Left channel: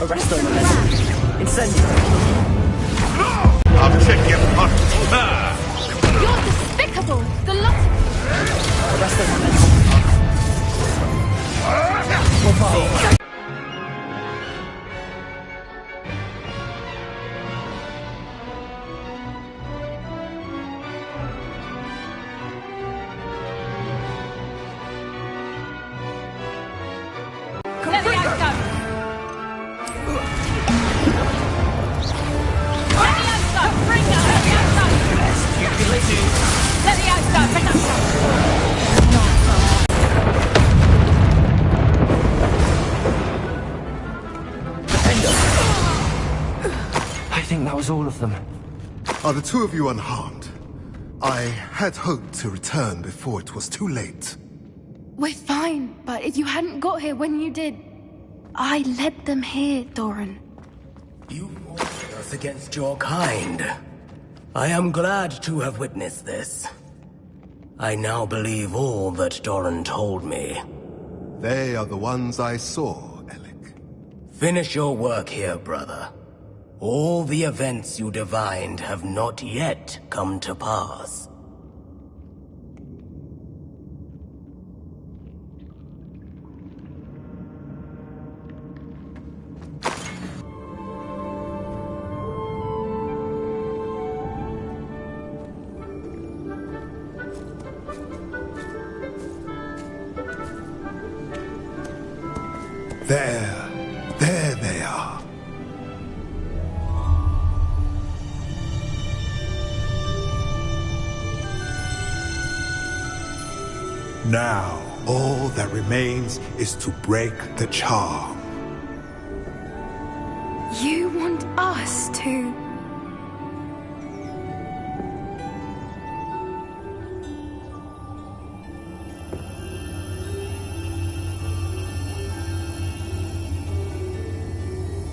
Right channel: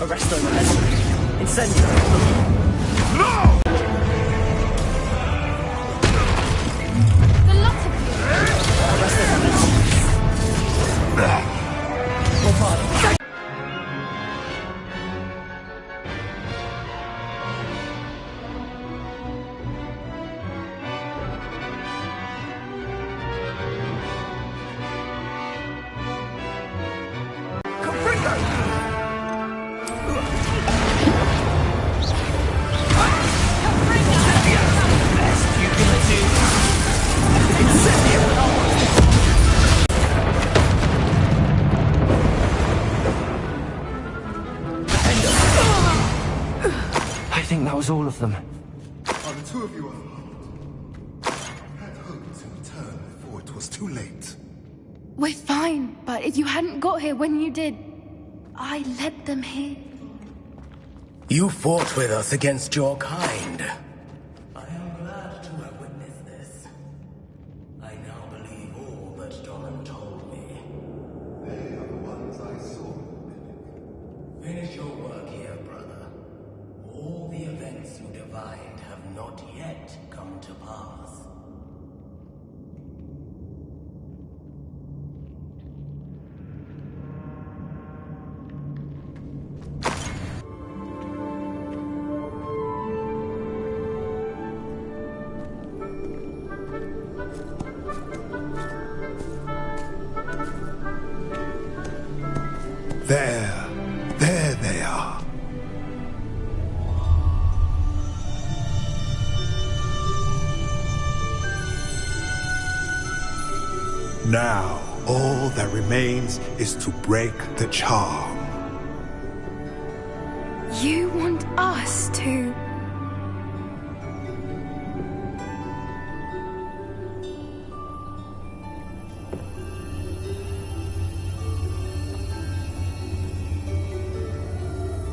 Arresto momentum. Incendio. No! I'll check your punch. Despicable! The lot of you! Arresto momentum. Mobile. I think that was all of them. Are the two of you unharmed? I had hoped to return before it was too late. We're fine, but if you hadn't got here when you did, I led them here, Doran. You fought with us against your kind. I am glad to have witnessed this. I now believe all that Doran told me. They are the ones I saw, Alec. Finish your work here, brother. All the events you divined have not yet come to pass. There they are. Now, all that remains is to break the charm. You want us to...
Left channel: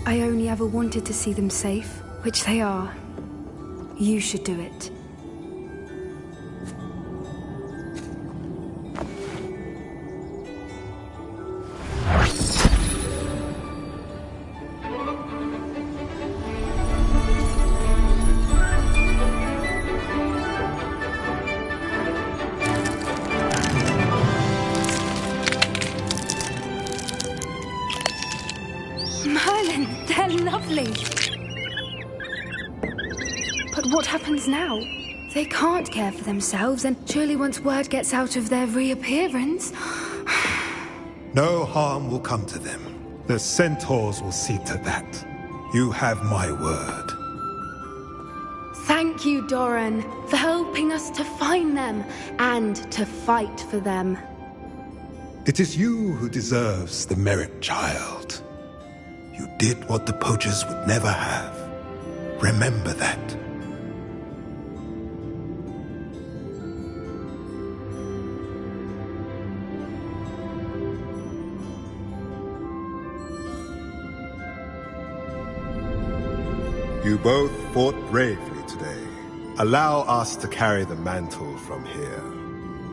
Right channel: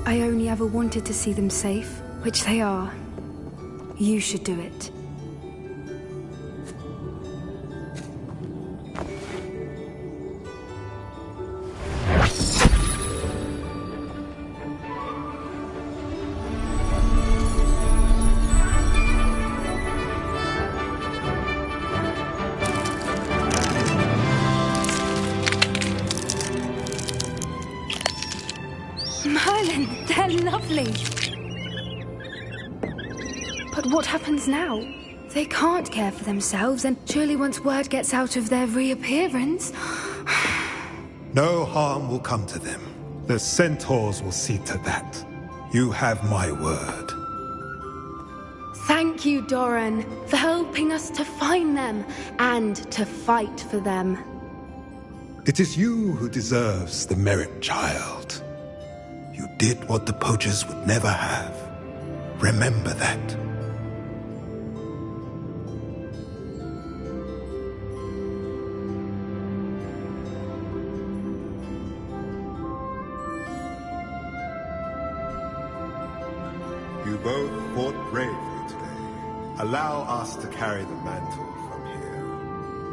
I only ever wanted to see them safe, which they are. You should do it. Merlin, they're lovely. But what happens now? They can't care for themselves, and surely once word gets out of their reappearance... No harm will come to them. The centaurs will see to that. You have my word. Thank you, Doran, for helping us to find them and to fight for them. It is you who deserves the merit, child. You did what the poachers would never have. Remember that. You both fought bravely today. Allow us to carry the mantle from here.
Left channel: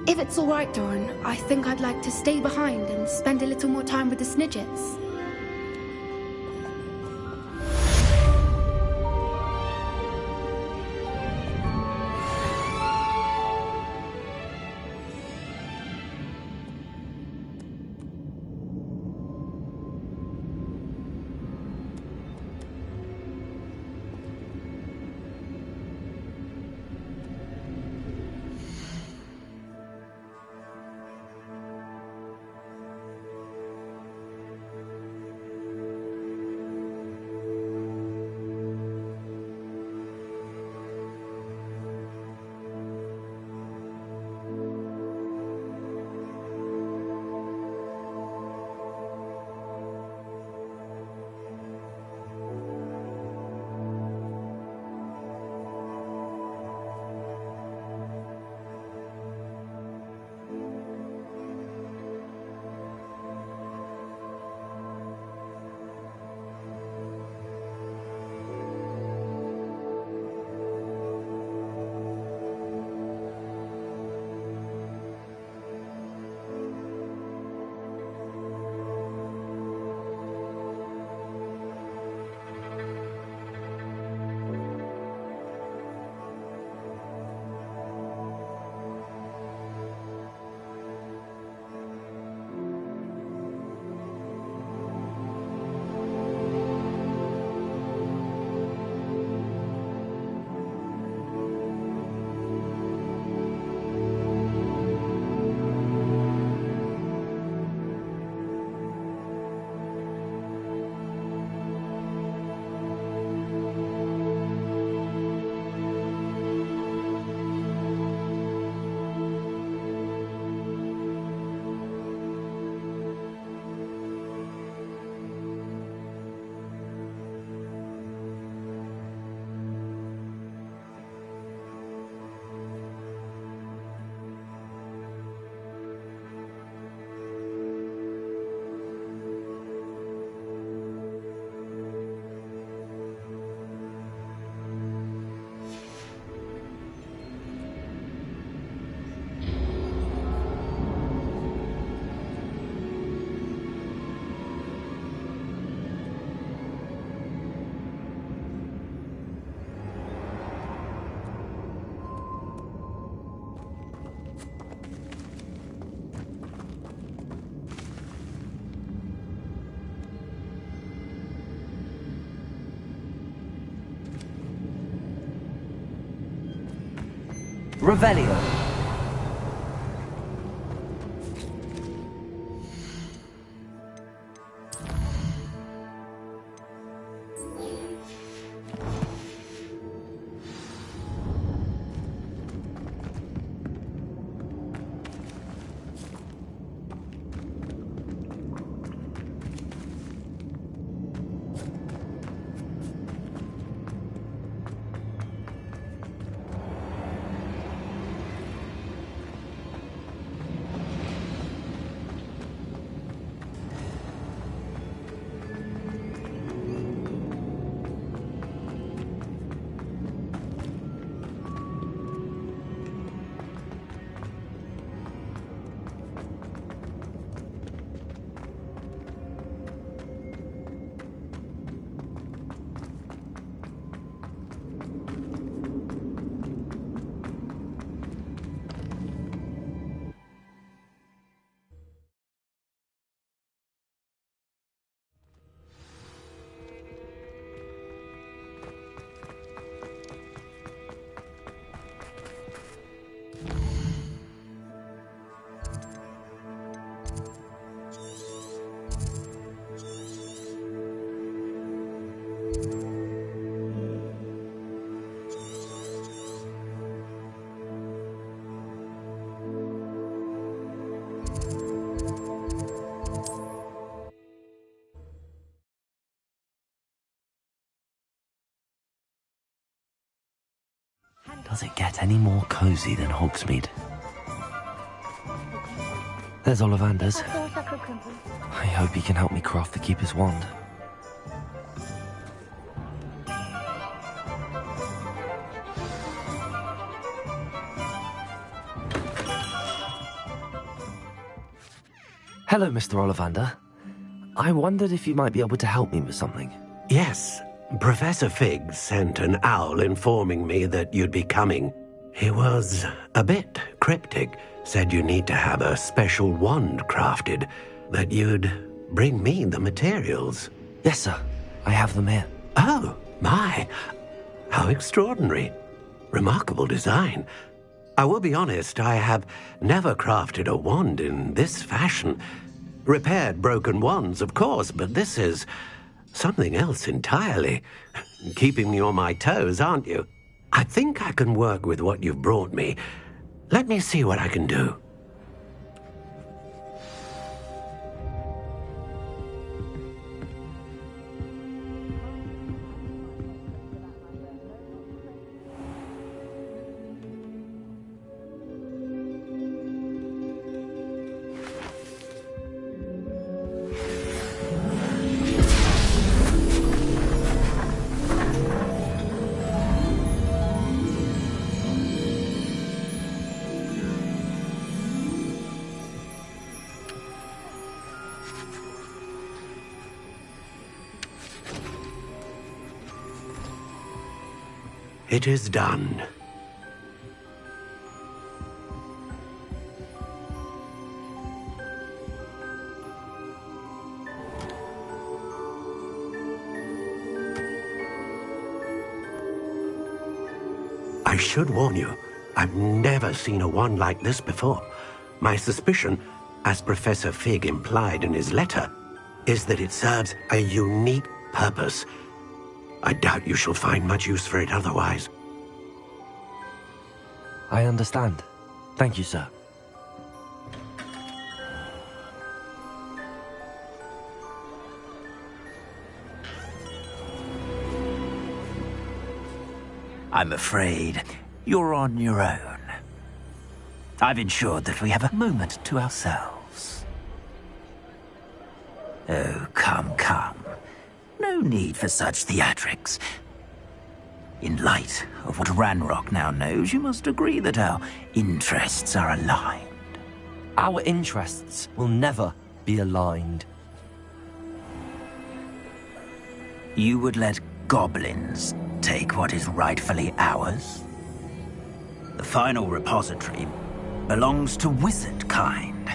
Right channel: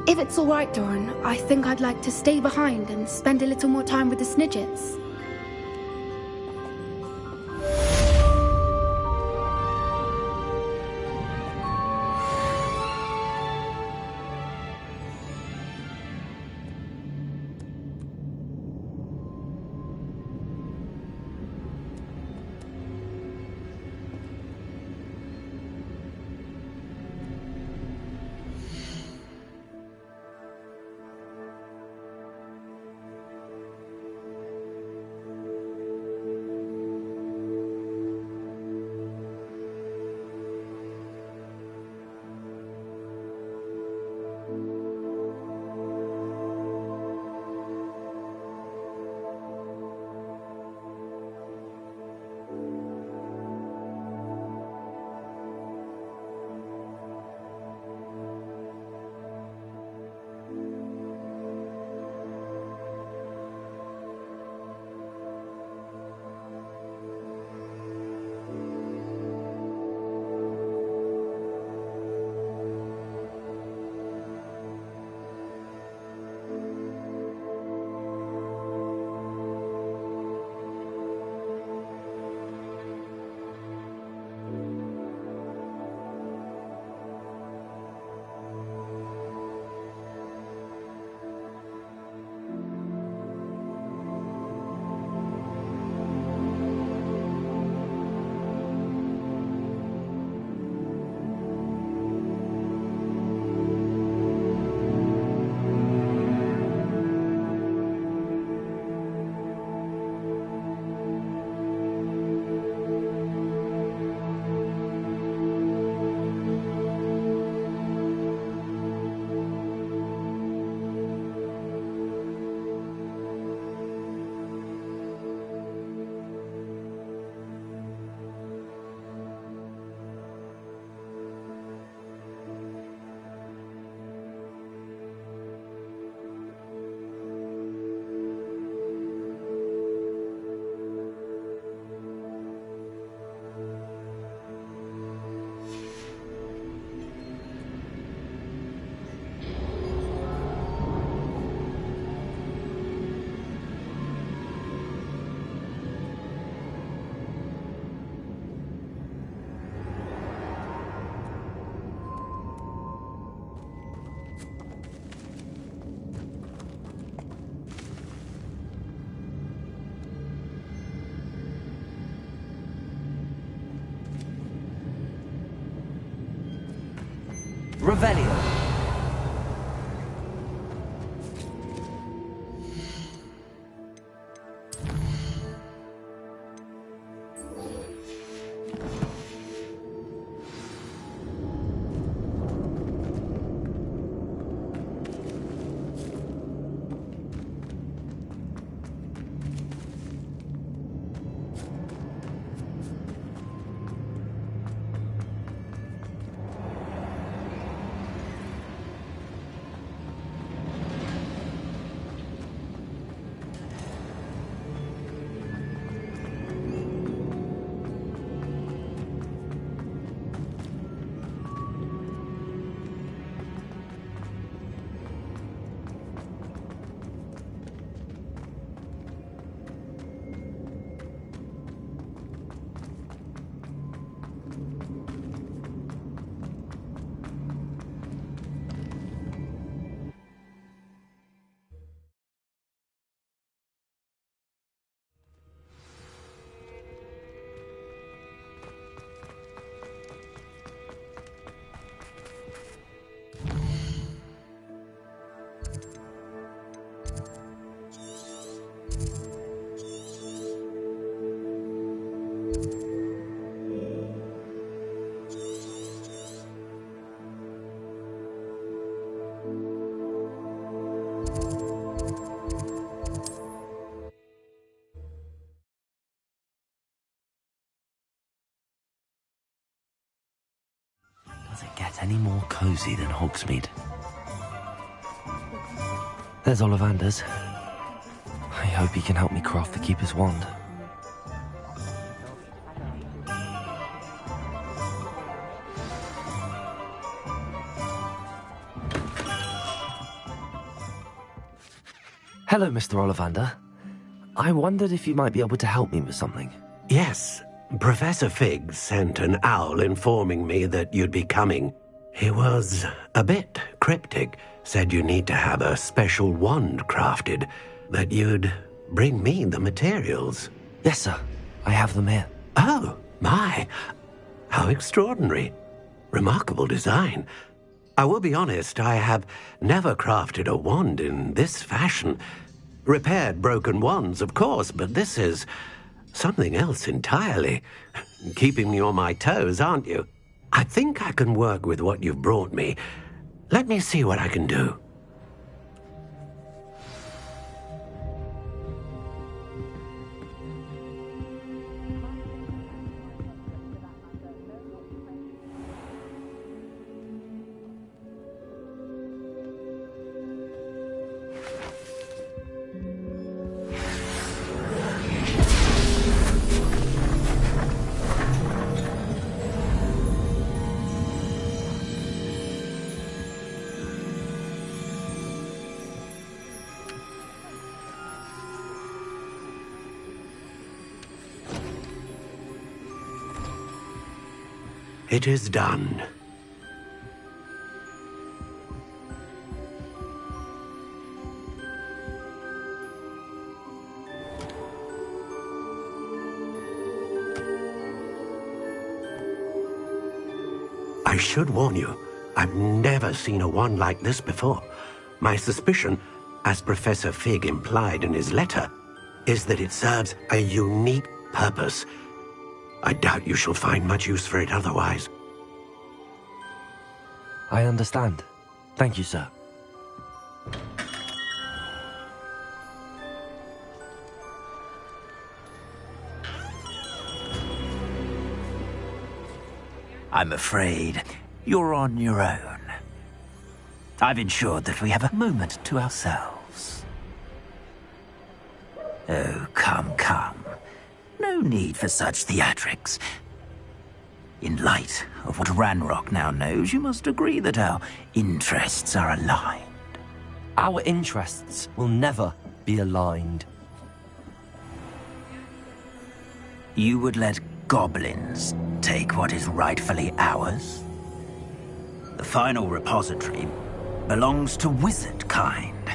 If it's all right, Doran, I think I'd like to stay behind and spend a little more time with the Snidgets. Revelio. Does it get any more cozy than Hogsmeade? There's Ollivander's. I hope he can help me craft the Keeper's Wand. Hello, Mr. Ollivander. I wondered if you might be able to help me with something. Yes, Professor Fig sent an owl informing me that you'd be coming. He was a bit cryptic, said you need to have a special wand crafted, that you'd bring me the materials. Yes, sir. I have them here. Oh, my. How extraordinary. Remarkable design. I will be honest, I have never crafted a wand in this fashion. Repaired broken wands, of course, but this is something else entirely. Keeping me on my toes, aren't you? I think I can work with what you've brought me. Let me see what I can do. It is done. I should warn you, I've never seen a wand like this before. My suspicion, as Professor Fig implied in his letter, is that it serves a unique purpose. I doubt you shall find much use for it otherwise. I understand. Thank you, sir. I'm afraid you're on your own. I've ensured that we have a moment to ourselves. Oh, come, come. No need for such theatrics. In light of what Ranrock now knows, you must agree that our interests are aligned. Our interests will never be aligned. You would let goblins take what is rightfully ours? The final repository belongs to wizard kind.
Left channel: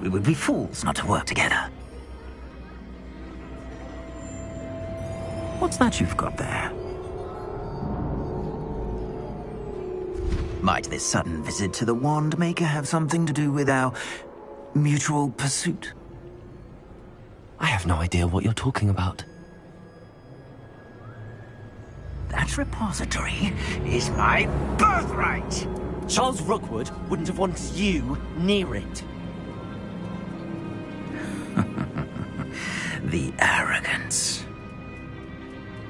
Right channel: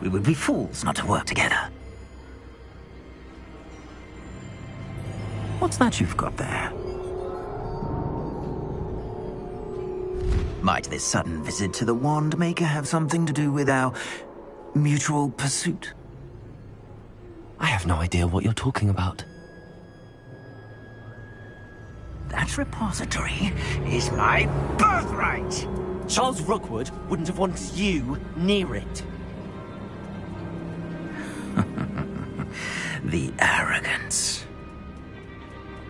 We would be fools not to work together. What's that you've got there? Might this sudden visit to the Wand Maker have something to do with our mutual pursuit? I have no idea what you're talking about. That repository is my birthright! Charles Rookwood wouldn't have wanted you near it. The arrogance.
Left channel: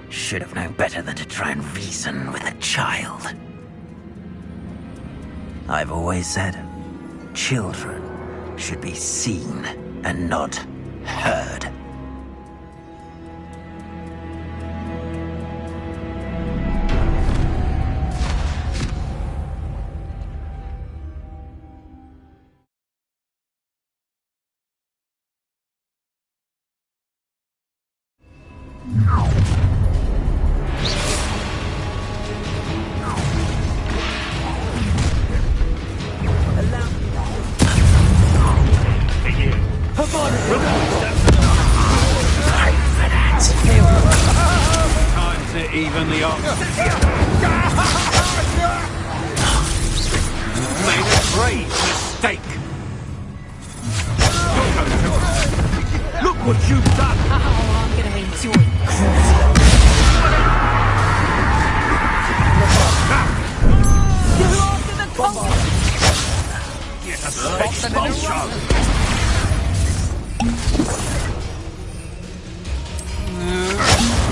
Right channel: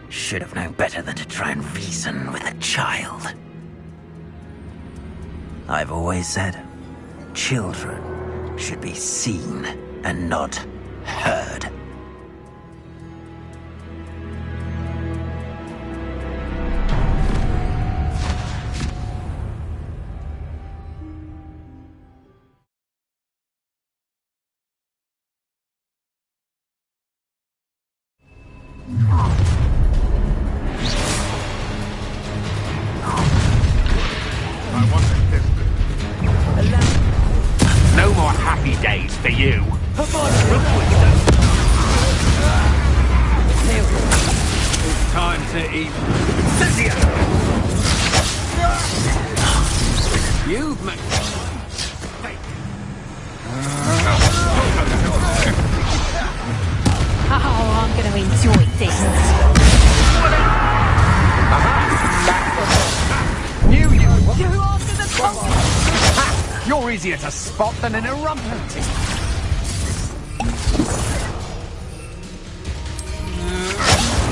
Should have known better than to try and reason with a child. I've always said, children should be seen and not heard. No more happy days for you. Time to even the odds. You've made a great mistake. Look what you've done. Oh, I'm going to enjoy this. You're after the conqueror. You're easier to spot than an eruption.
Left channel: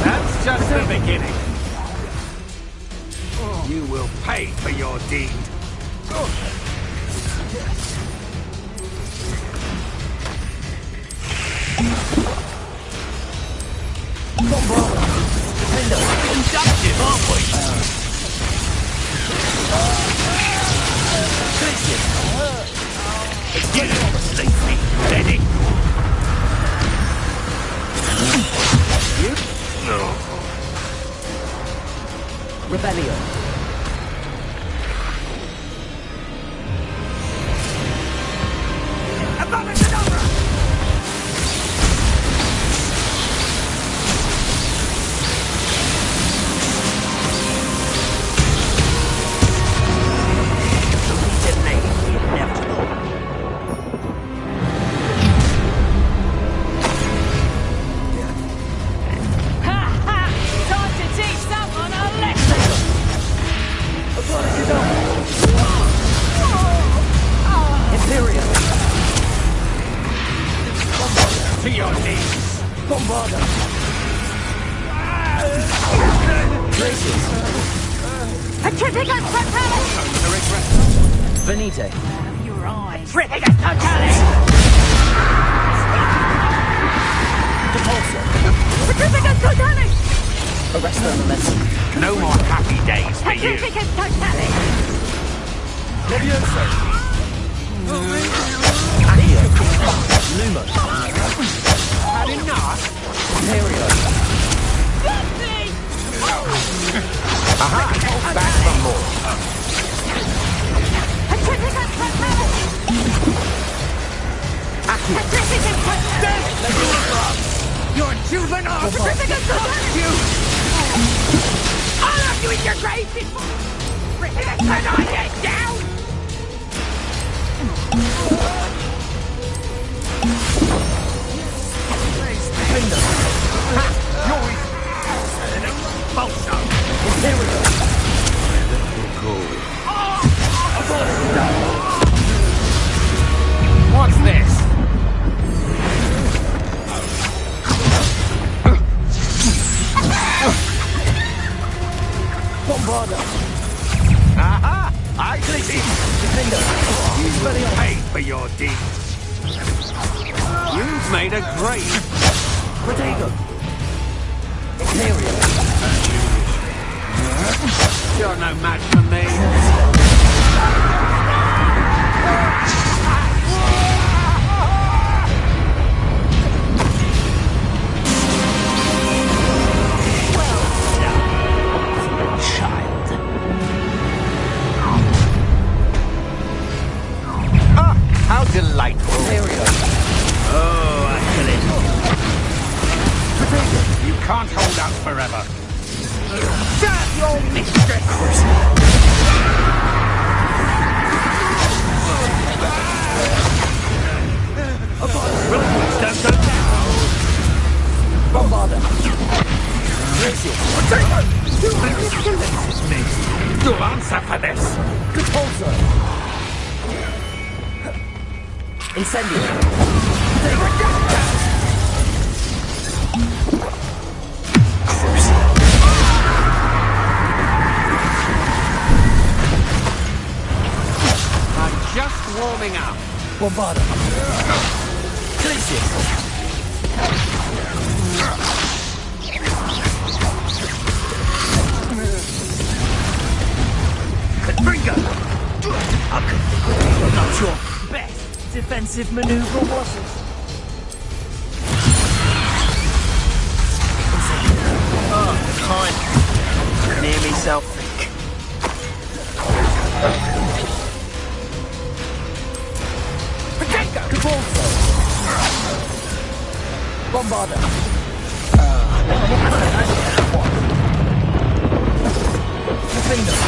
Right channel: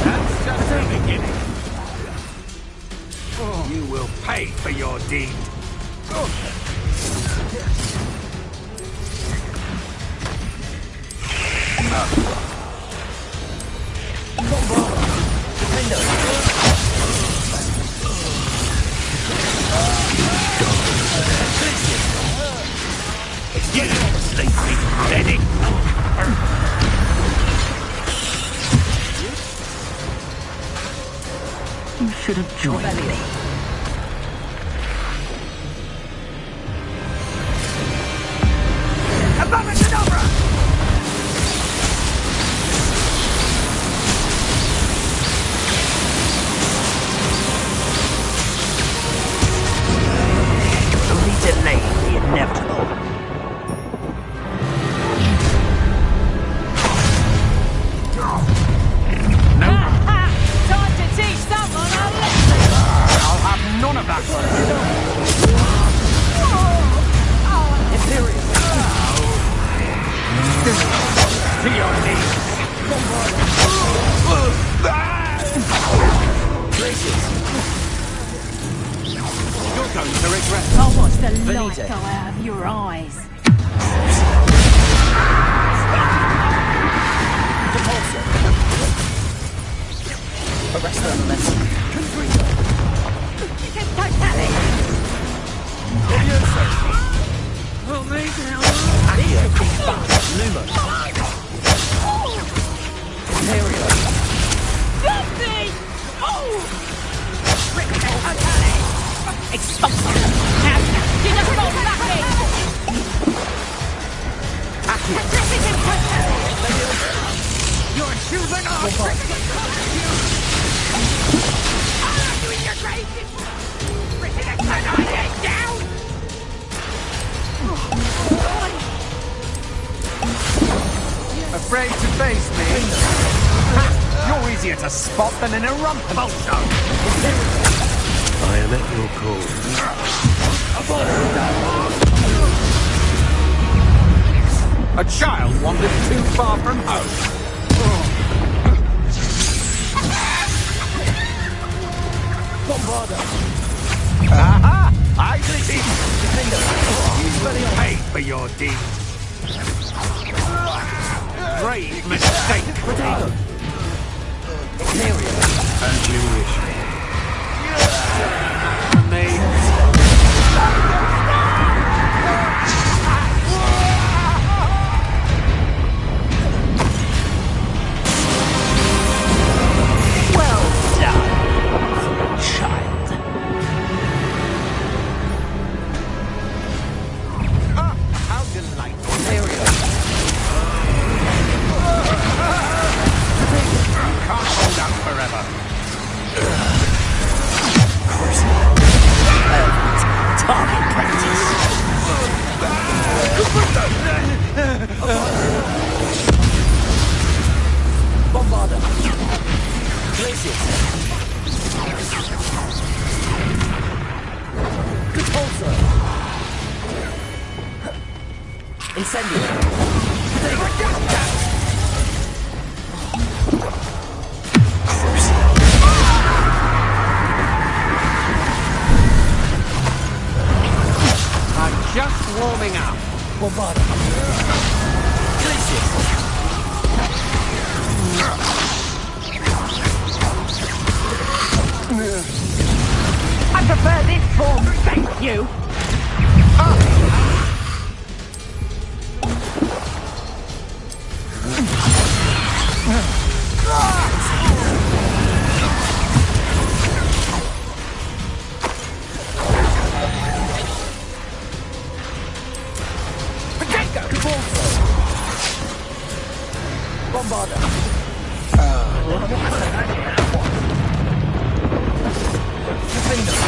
That's just the beginning. You will pay for your deed. You sleepy Benny. Rebellion. Only delay the inevitable. Time to teach someone a lesson. I'll have none of that. Imperium. To your knees. Gracious. You're going to regret I want the Venite. light out of your eyes. Depulsor. Arrest their momentum. no more happy days for you. Levioso. Accio. Lumos. Imperio. You're choosing us. I'll have you in your grave before. Down. Afraid to face me? You're easier to spot than an eruption. I am at your call. What's this? A child wandering too far from home. Bombarda. Aha! I see. You've paid for your deed. You've made a grave mistake. Protego. Imperium. As you wish. You're no match for me. Well done, for a child. Ah, how delightful. Imperium. You can't hold out forever. Repulsor. Incendio. I'm just warming up. Bombarda. Glacius. I prefer this form. Bringo! You. Your best defensive maneuver. Nearly self. Potato! Cabalso. Bombarda. Defender.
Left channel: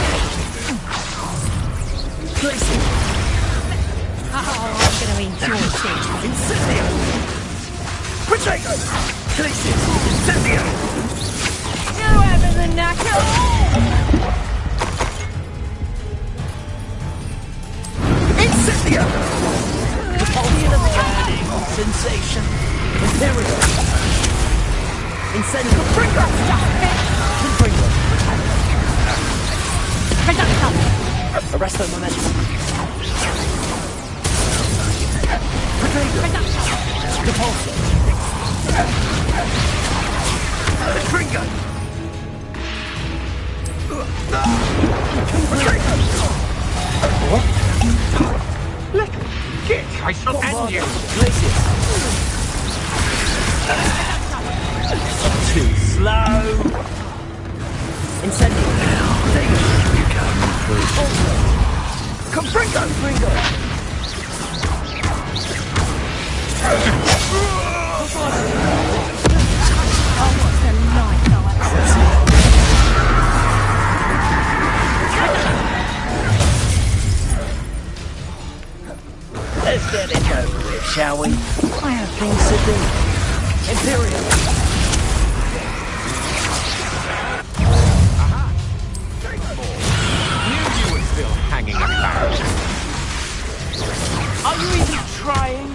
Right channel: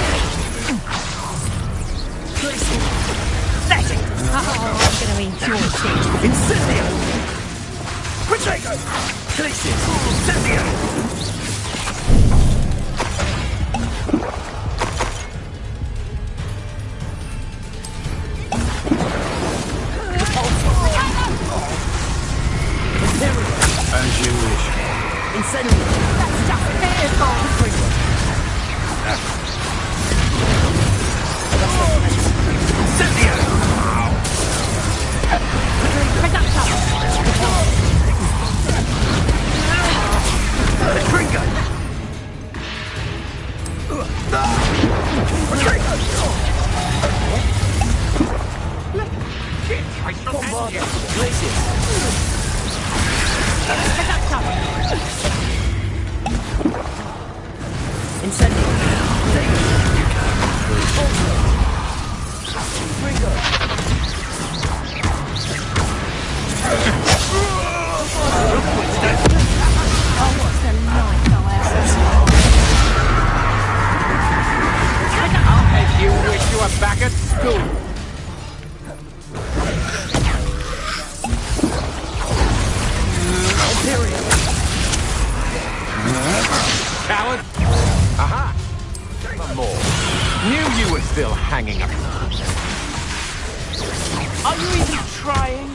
Glacius. Oh, I'm going to enjoy this. Incendio. Potato. Glacius. Incendio. Whoever the knacker. Incendio. Sensation. Imperial. As you wish. Incendio. That's just physical. Confringo. Conductor. Arrest the momentum. Conductor. Confringo. Get, I shall end you. Glacius. Too slow. Incendio. You can't control. Confringo. Oh, what's the light, however? You wish you were back at school. Let's get it over with, shall we? Imperial. Coward. Aha! One more. Knew you were still hanging about. Are you even trying?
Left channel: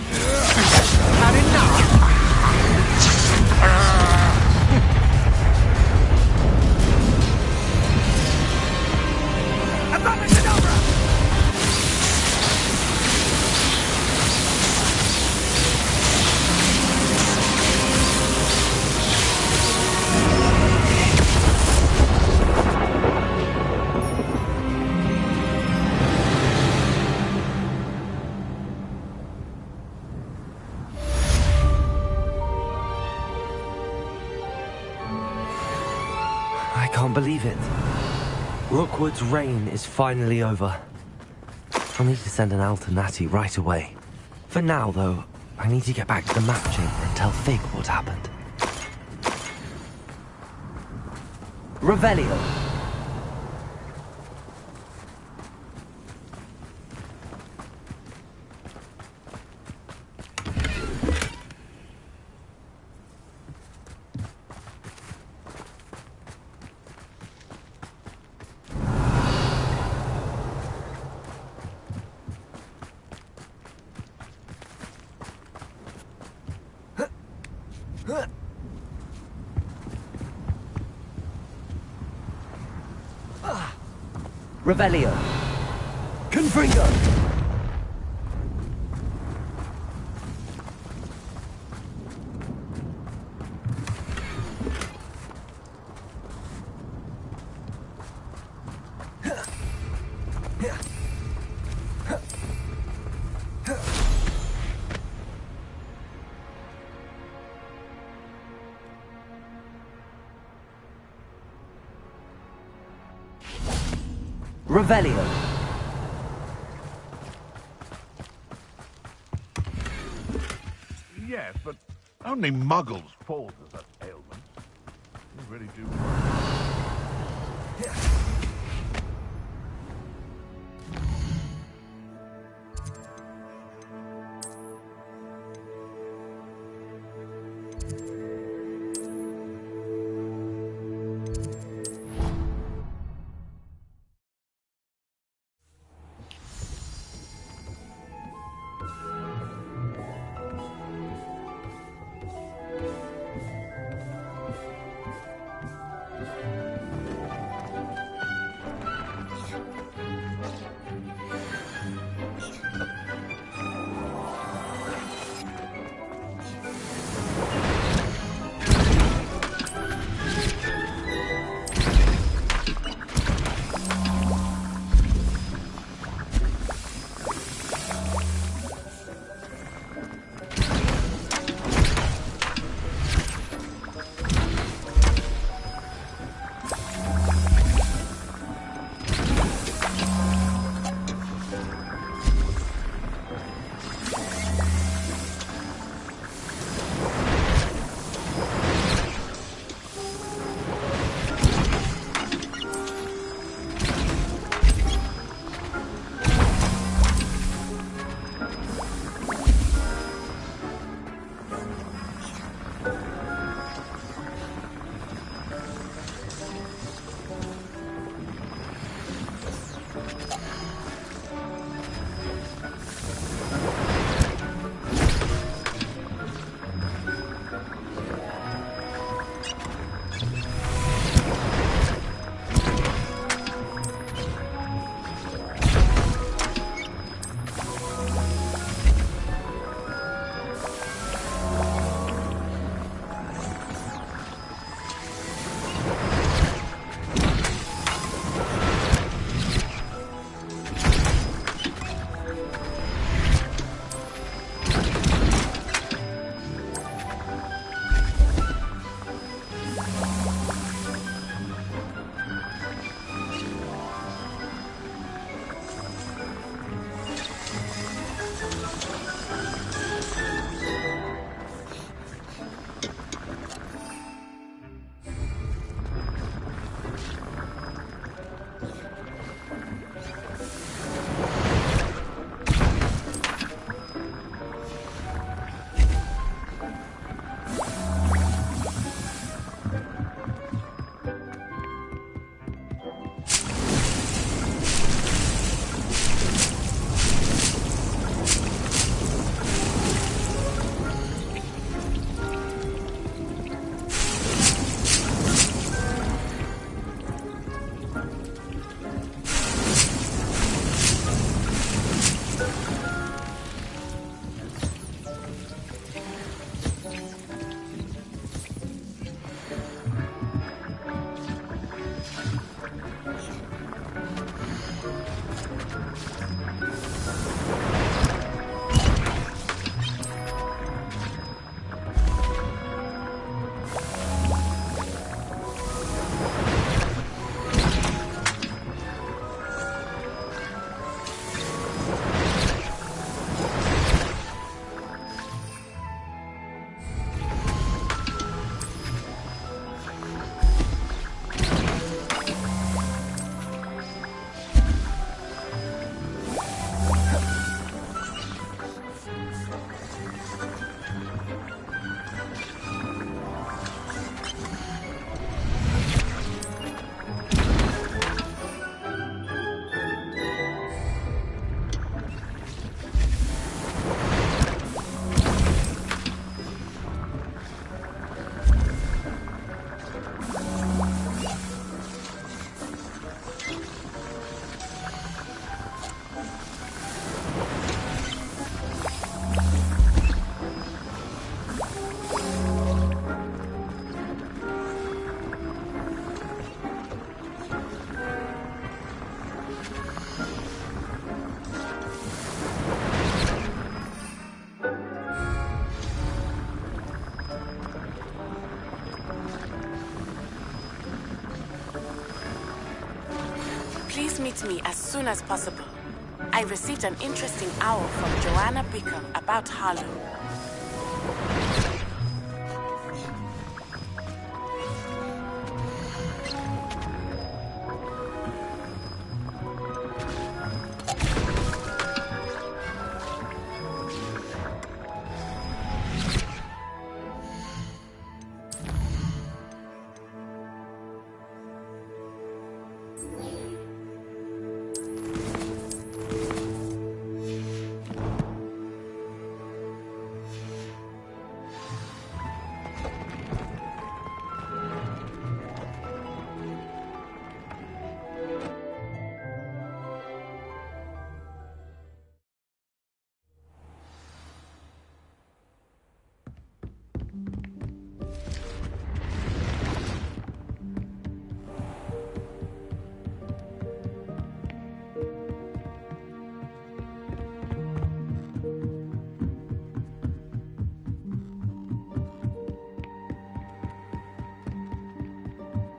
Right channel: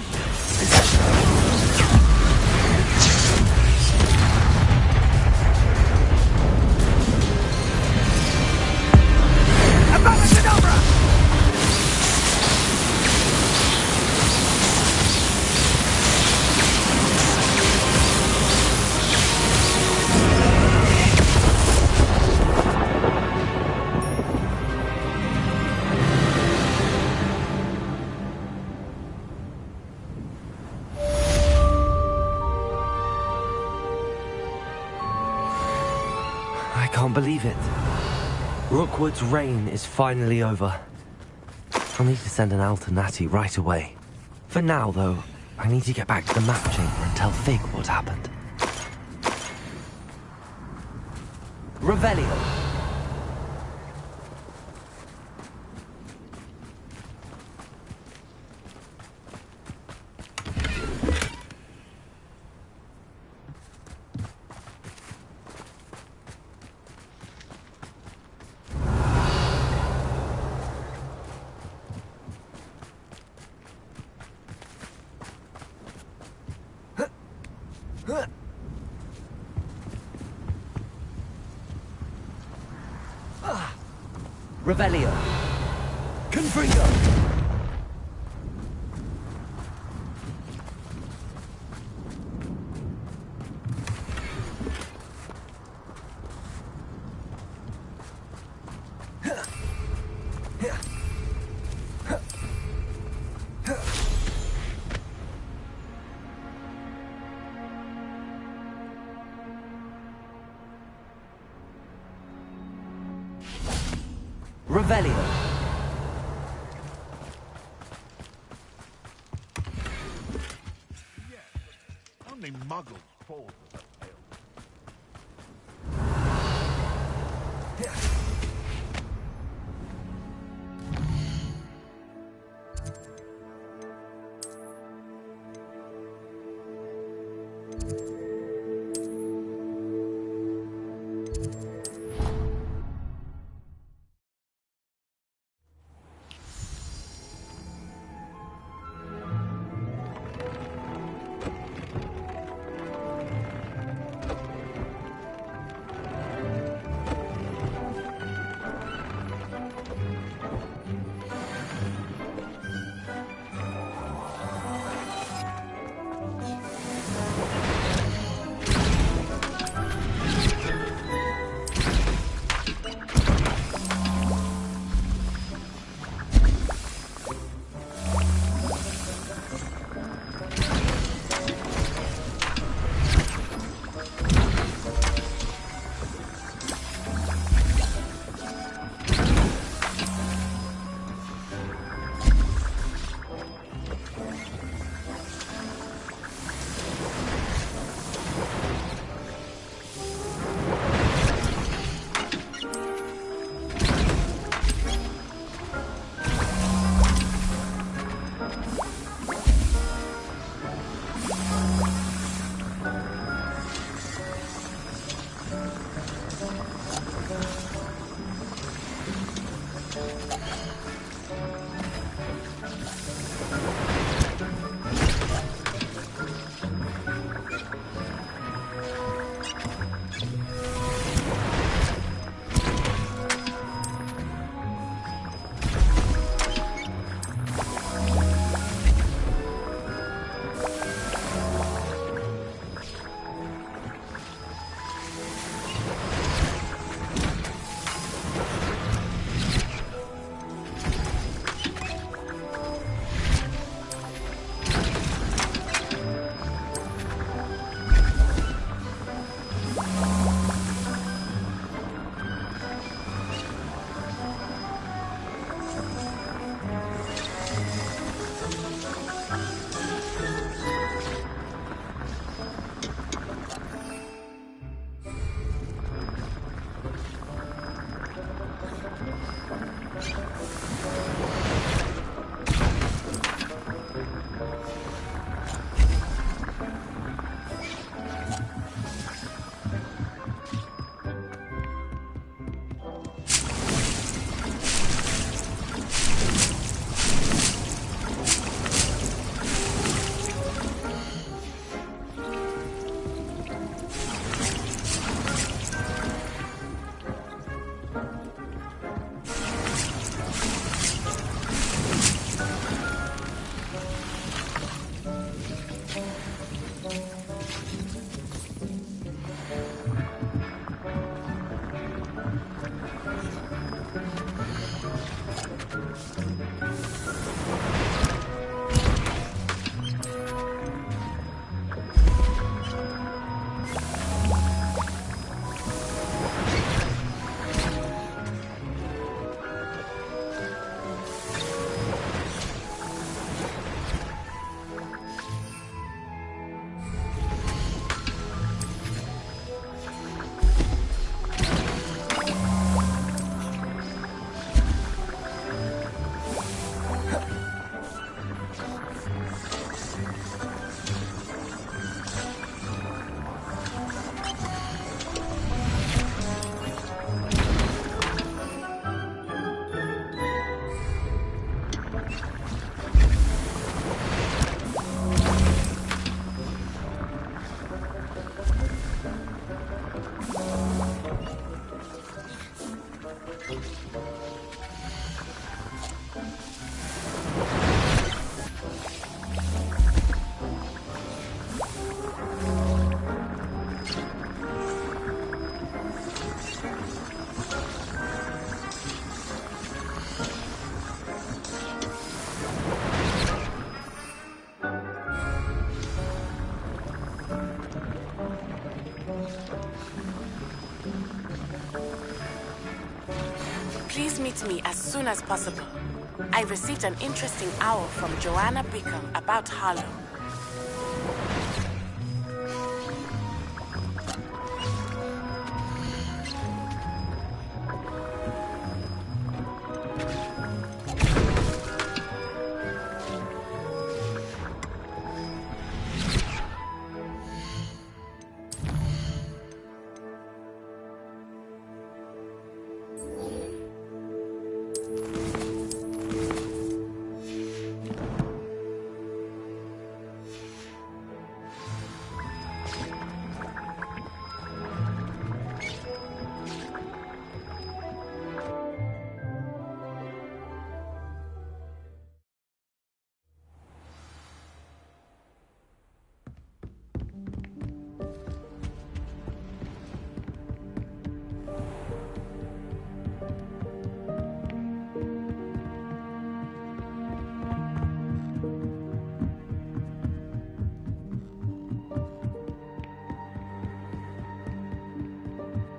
I can't believe it. Rookwood's reign is finally over. I'll need to send an alternati right away. For now, though, I need to get back to the map chamber and tell Fig what happened. Revelio. Revelio. Confringo. Revelio. Yes, but only muggles fall to such ailments. They really do. Please meet me as soon as possible. I received an interesting owl from Joanna Bickham about Harlow.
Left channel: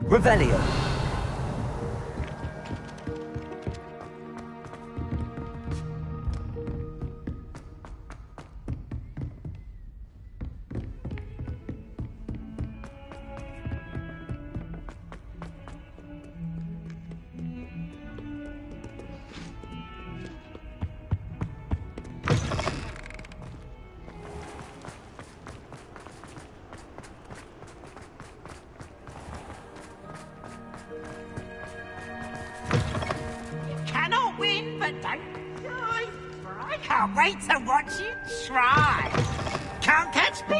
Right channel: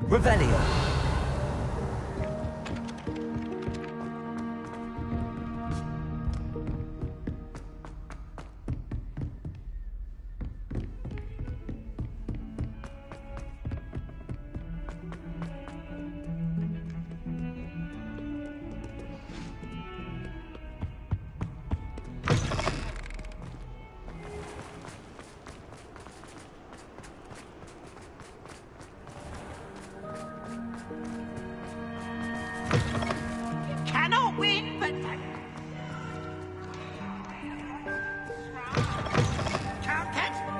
Revelio. Cannot win, but don't try. I can't wait to watch you try. Can't catch me.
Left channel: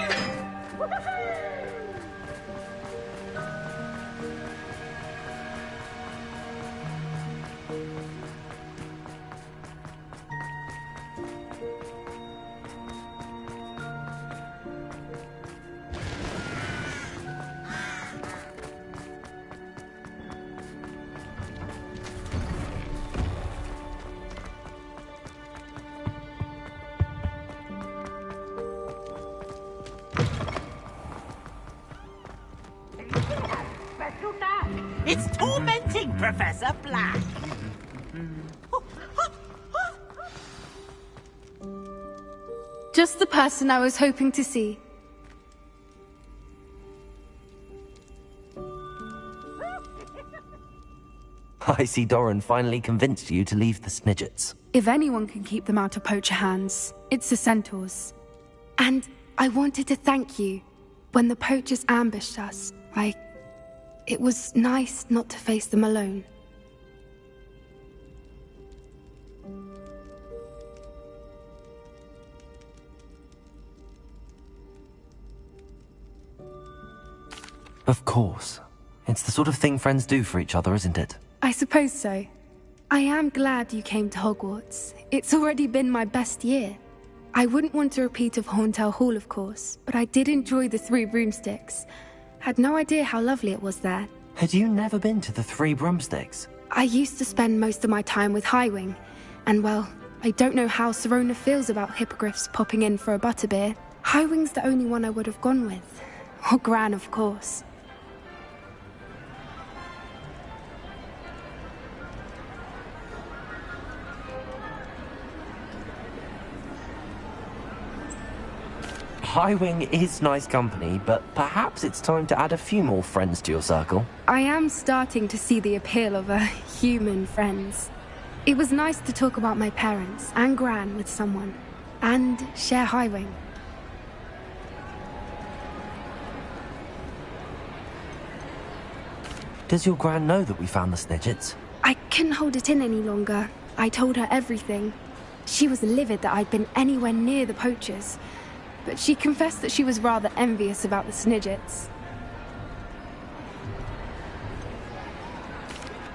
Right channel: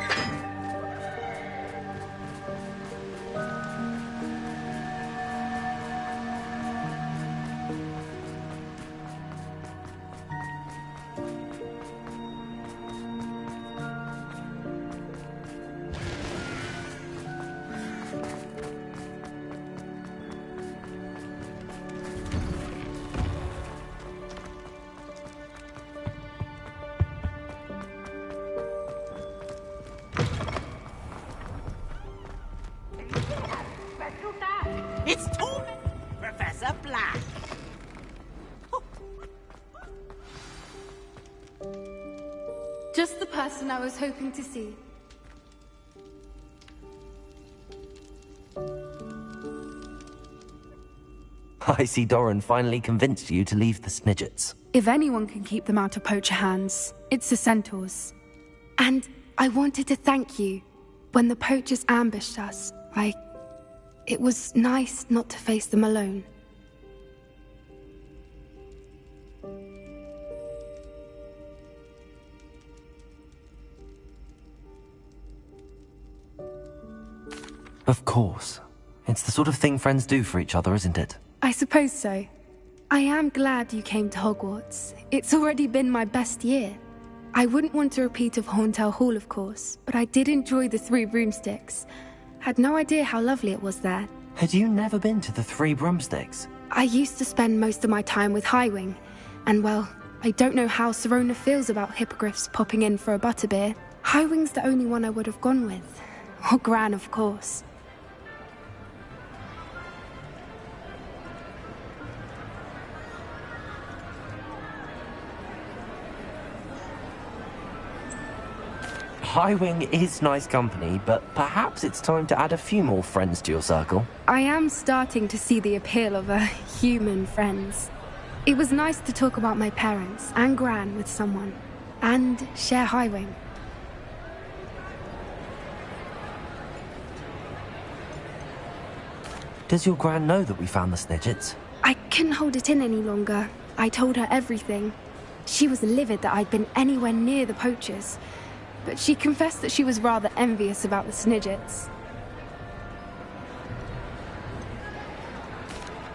It's tormenting Professor Black. Just the person I was hoping to see. I see Doran finally convinced you to leave the Snidgets. If anyone can keep them out of poacher hands, it's the centaurs. And I wanted to thank you. When the poachers ambushed us, it was nice not to face them alone. Of course. It's the sort of thing friends do for each other, isn't it? I suppose so. I am glad you came to Hogwarts. It's already been my best year. I wouldn't want a repeat of Horntail Hall, of course, but I did enjoy the Three Broomsticks. Had no idea how lovely it was there. Had you never been to the Three Broomsticks? I used to spend most of my time with Highwing, and well, I don't know how Serona feels about hippogriffs popping in for a butterbeer. Highwing's the only one I would have gone with. Or Gran, of course. Highwing is nice company, but perhaps it's time to add a few more friends to your circle. I am starting to see the appeal of human friends. It was nice to talk about my parents and Gran with someone, and share Highwing. Does your Gran know that we found the Snidgets? I couldn't hold it in any longer. I told her everything. She was livid that I'd been anywhere near the poachers, but she confessed that she was rather envious about the Snidgets.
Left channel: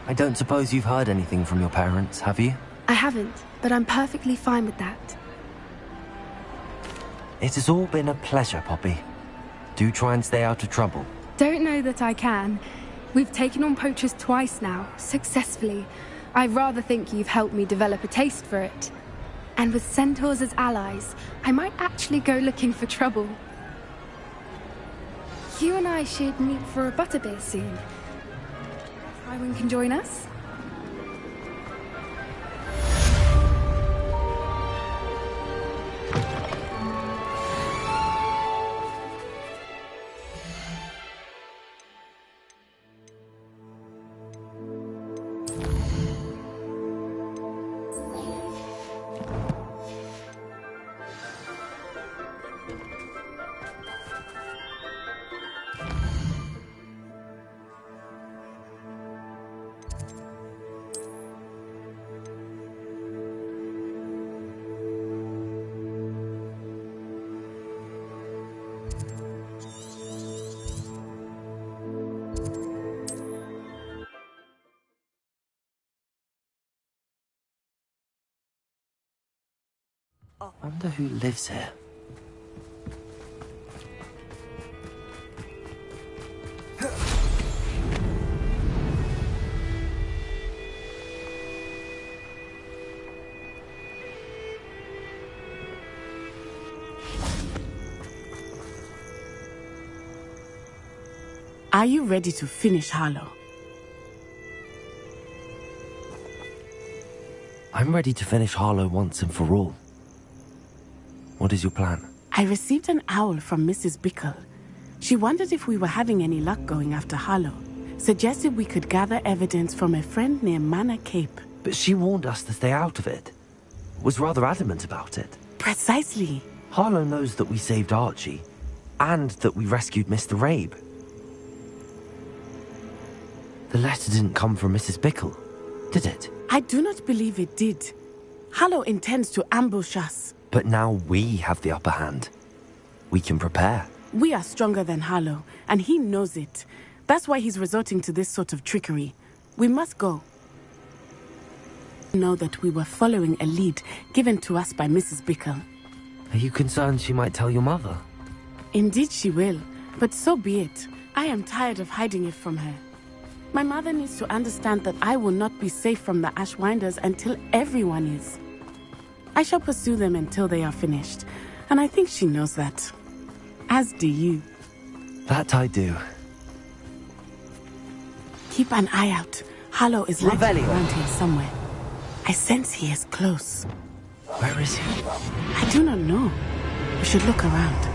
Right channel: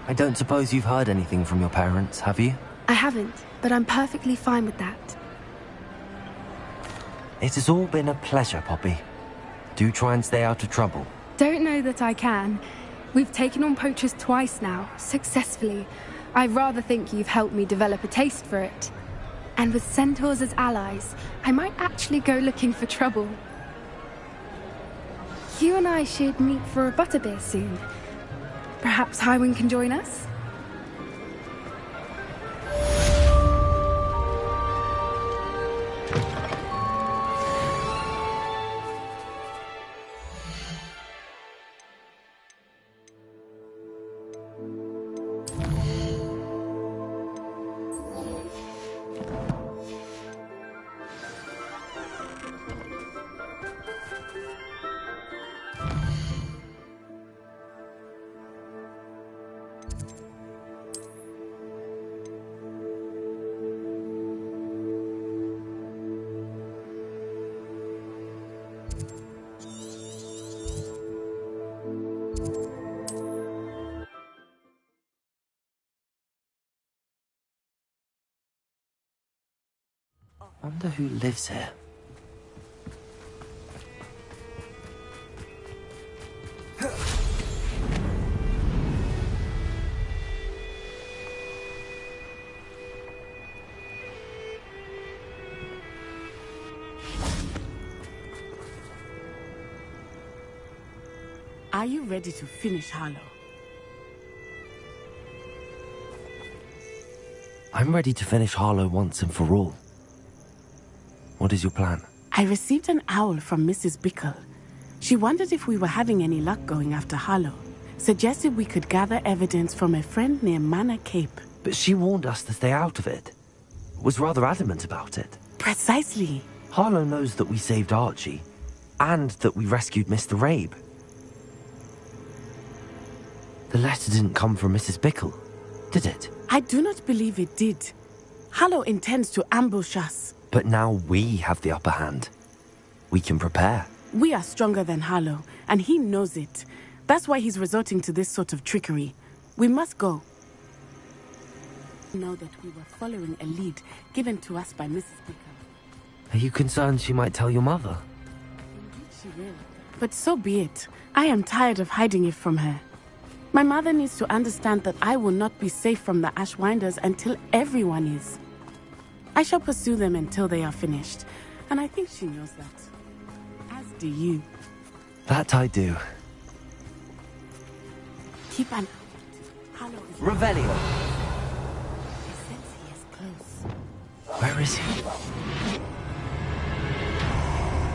I don't suppose you've heard anything from your parents, have you? I haven't, but I'm perfectly fine with that. It has all been a pleasure, Poppy. Do try and stay out of trouble. Don't know that I can. We've taken on poachers twice now, successfully. I rather think you've helped me develop a taste for it. And with centaurs as allies, I might actually go looking for trouble. You and I should meet for a butterbeer soon. Perhaps Highwing can join us? Wonder who lives here. Are you ready to finish Harlow? I'm ready to finish Harlow once and for all. What is your plan? I received an owl from Mrs. Bickle. She wondered if we were having any luck going after Harlow. Suggested we could gather evidence from a friend near Manor Cape. But she warned us to stay out of it. Was rather adamant about it. Precisely. Harlow knows that we saved Archie, and that we rescued Mr. Rabe. The letter didn't come from Mrs. Bickle, did it? I do not believe it did. Harlow intends to ambush us. But now we have the upper hand. We can prepare. We are stronger than Harlow, and he knows it. That's why he's resorting to this sort of trickery. We must go. Know that we were following a lead given to us by Mrs. Bickle. Are you concerned she might tell your mother? Indeed she will, but so be it. I am tired of hiding it from her. My mother needs to understand that I will not be safe from the Ashwinders until everyone is. I shall pursue them until they are finished, and I think she knows that. As do you. That I do. Keep an eye out. Harlow is likely Revelio. around here somewhere. I sense he is close. Where is he? I do not know. We should look around.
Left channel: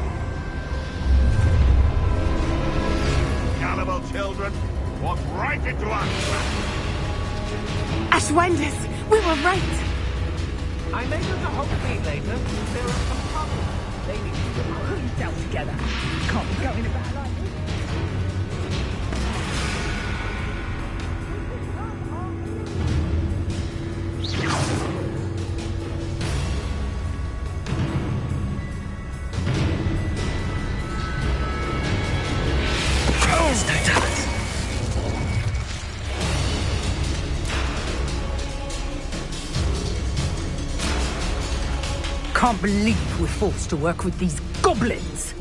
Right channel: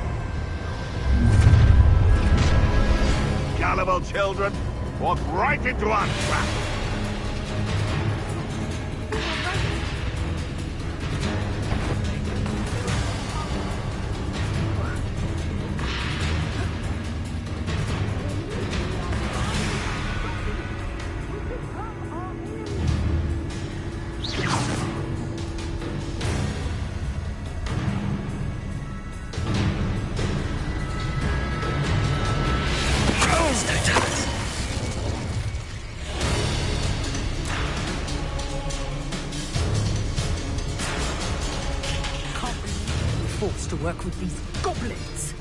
Gullible children, walk right into our trap. Ashwinders, we were right. I may have to hold it later. There are some problems. Down together. Can't go. Can't believe we're forced to work with these goblins.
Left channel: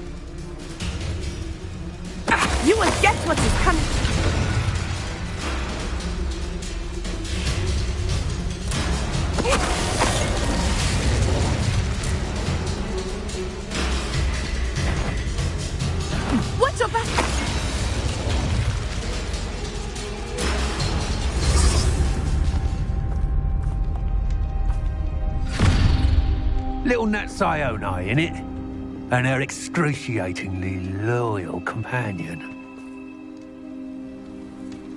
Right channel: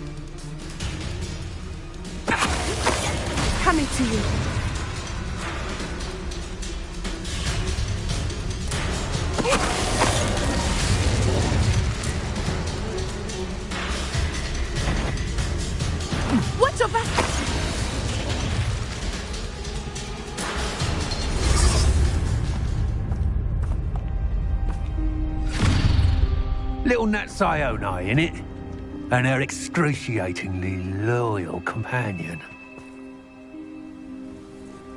You will get what is coming to you. Watch your back! Little Nat Sione, innit? And her excruciatingly loyal companion.